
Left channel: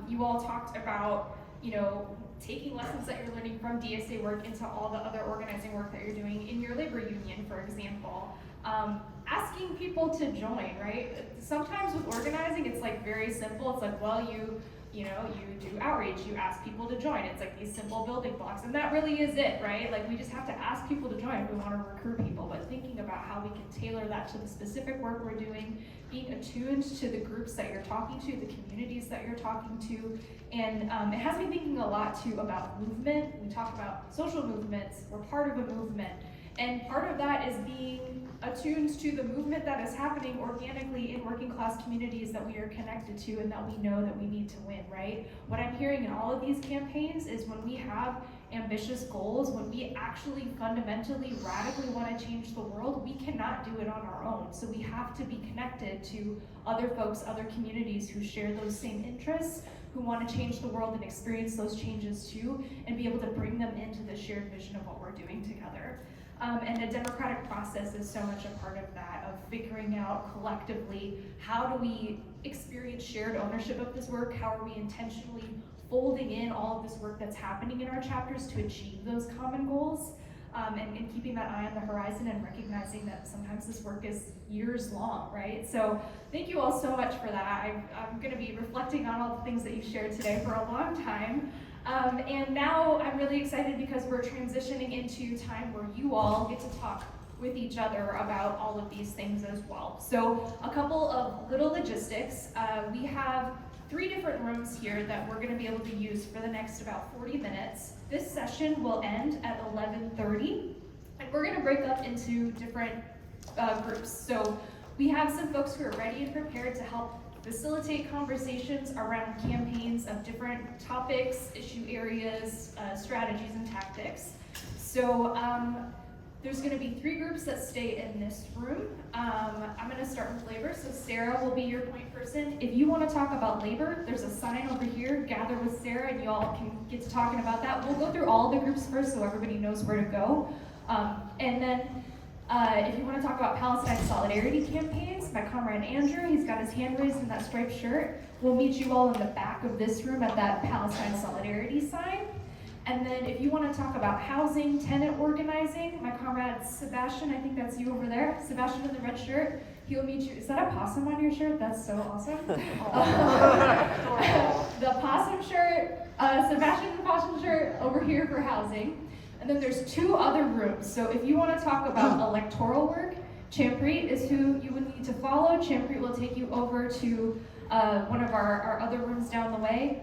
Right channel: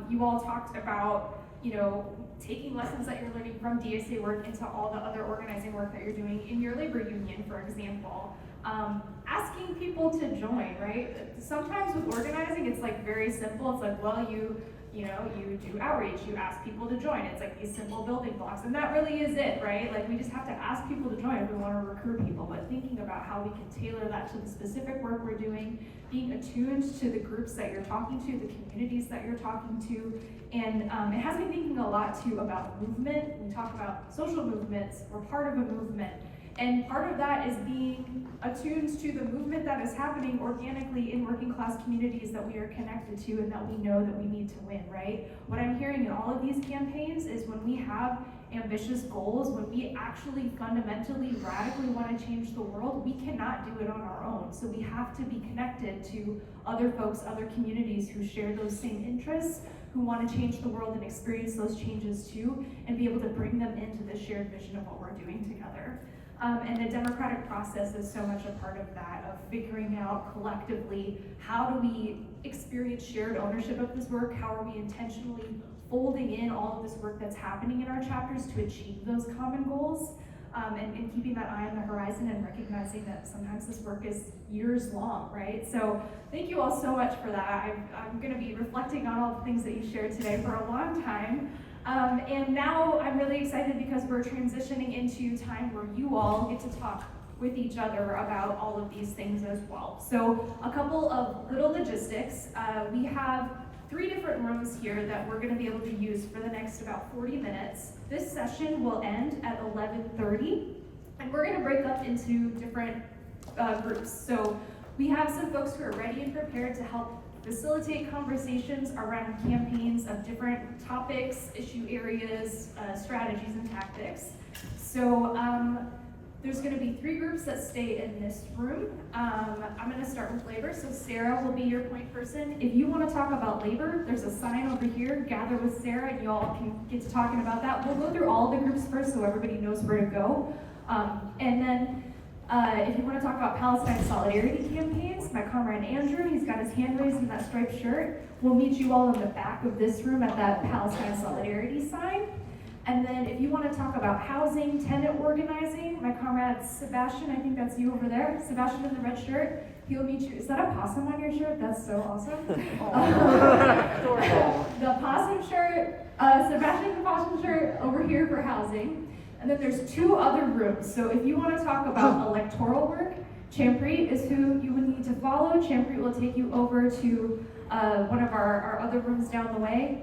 You all talked about, you know, taking lessons that you're learning from DSA work into all the other organizing work that you're doing in your labor union, for example. Asking people to join, right? Sometimes with organizing, it's like very simple. It's like, well, you do outreach, you ask people to join. It's like these simple building blocks, and that really is it, right? Like we just have to ask people to join if we want to recruit people, but thinking about how we can tailor that to the specific work we're doing, being attuned to the groups that you're talking to, the communities that you're talking to, and it has me thinking a lot too about movement. We talk about social movements, we're part of a movement, and part of that is being attuned to the movement that is happening organically in working class communities that we are connected to and that we know that we need to win, right? What I'm hearing in all of these campaigns is when we have ambitious goals, when we actually fundamentally, radically want to change the world, we cannot do it on our own. So we have to be connected to other folks, other communities who share those same interests, who want to change the world and experience those changes too, and be able to bring them into the shared vision of what we're doing together. And the democratic process is so much a part of that, of figuring out collectively, how do we experience shared ownership of this work? How are we intentionally folding in all of this work that's happening in our chapters to achieve those common goals? And keeping that eye on the horizon and recognizing that sometimes this work is years long, right? So thank you all so much for that. I'm gonna be reflecting on all the things that you shared today for a long time. And now I'm really excited because we're transitioning into time where you all get to talk with each other about all of these things as well. So a couple of little logistics. We have 3 different rooms here that we're gonna be able to use for the next about 40 minutes. This session will end at 11:30, and we're gonna break up into different groups. So we have some folks who are ready and prepared to help facilitate conversations around campaigns of different topics, issue areas, strategies, and tactics. So there's going to be 3 groups that stay in this room. I'm going to start with labor, so Sarah will be your point person. If you want to talk about labor, there's a sign over here, gather with Sarah, and you all can get to talking about that. We'll go through all the groups first so everybody knows where to go. And then if you want to talk about Palestine solidarity campaigns, my comrade Andrew, he's got his hand raised in that striped shirt. We'll meet you all in the back of this room at that Palestine solidarity sign. And then if you want to talk about housing, tenant organizing, my comrade Sebastian, I think that's you over there, Sebastian in the red shirt, he will meet you. Is that a possum on your shirt? That's so awesome. The possum shirt, Sebastian the possum shirt over here for housing. And then there's 2 other rooms. So if you want to talk about electoral work, Chanpreet is who you would need to follow. Chanpreet will take you over to one of our other rooms down the way.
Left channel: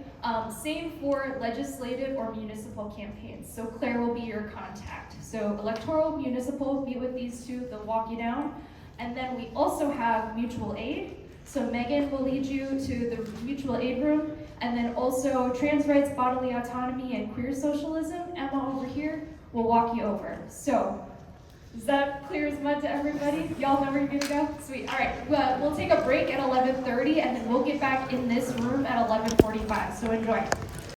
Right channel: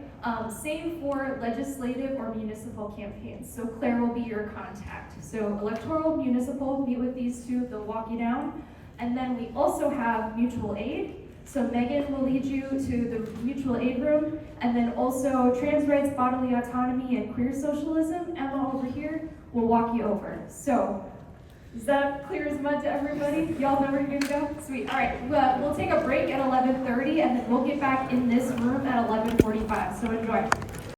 Same for legislative or municipal campaigns. So Claire will be your contact. So electoral, municipal, meet with these 2, they'll walk you down. And then we also have mutual aid. So Megan will lead you to the mutual aid room. And then also trans rights, bodily autonomy, and queer socialism. Emma over here will walk you over. So Is that clear as mud to everybody? Y'all know where you're gonna go? Sweet. All right. Well, we'll take a break at 11:30, and then we'll get back in this room at 11:45. So enjoy.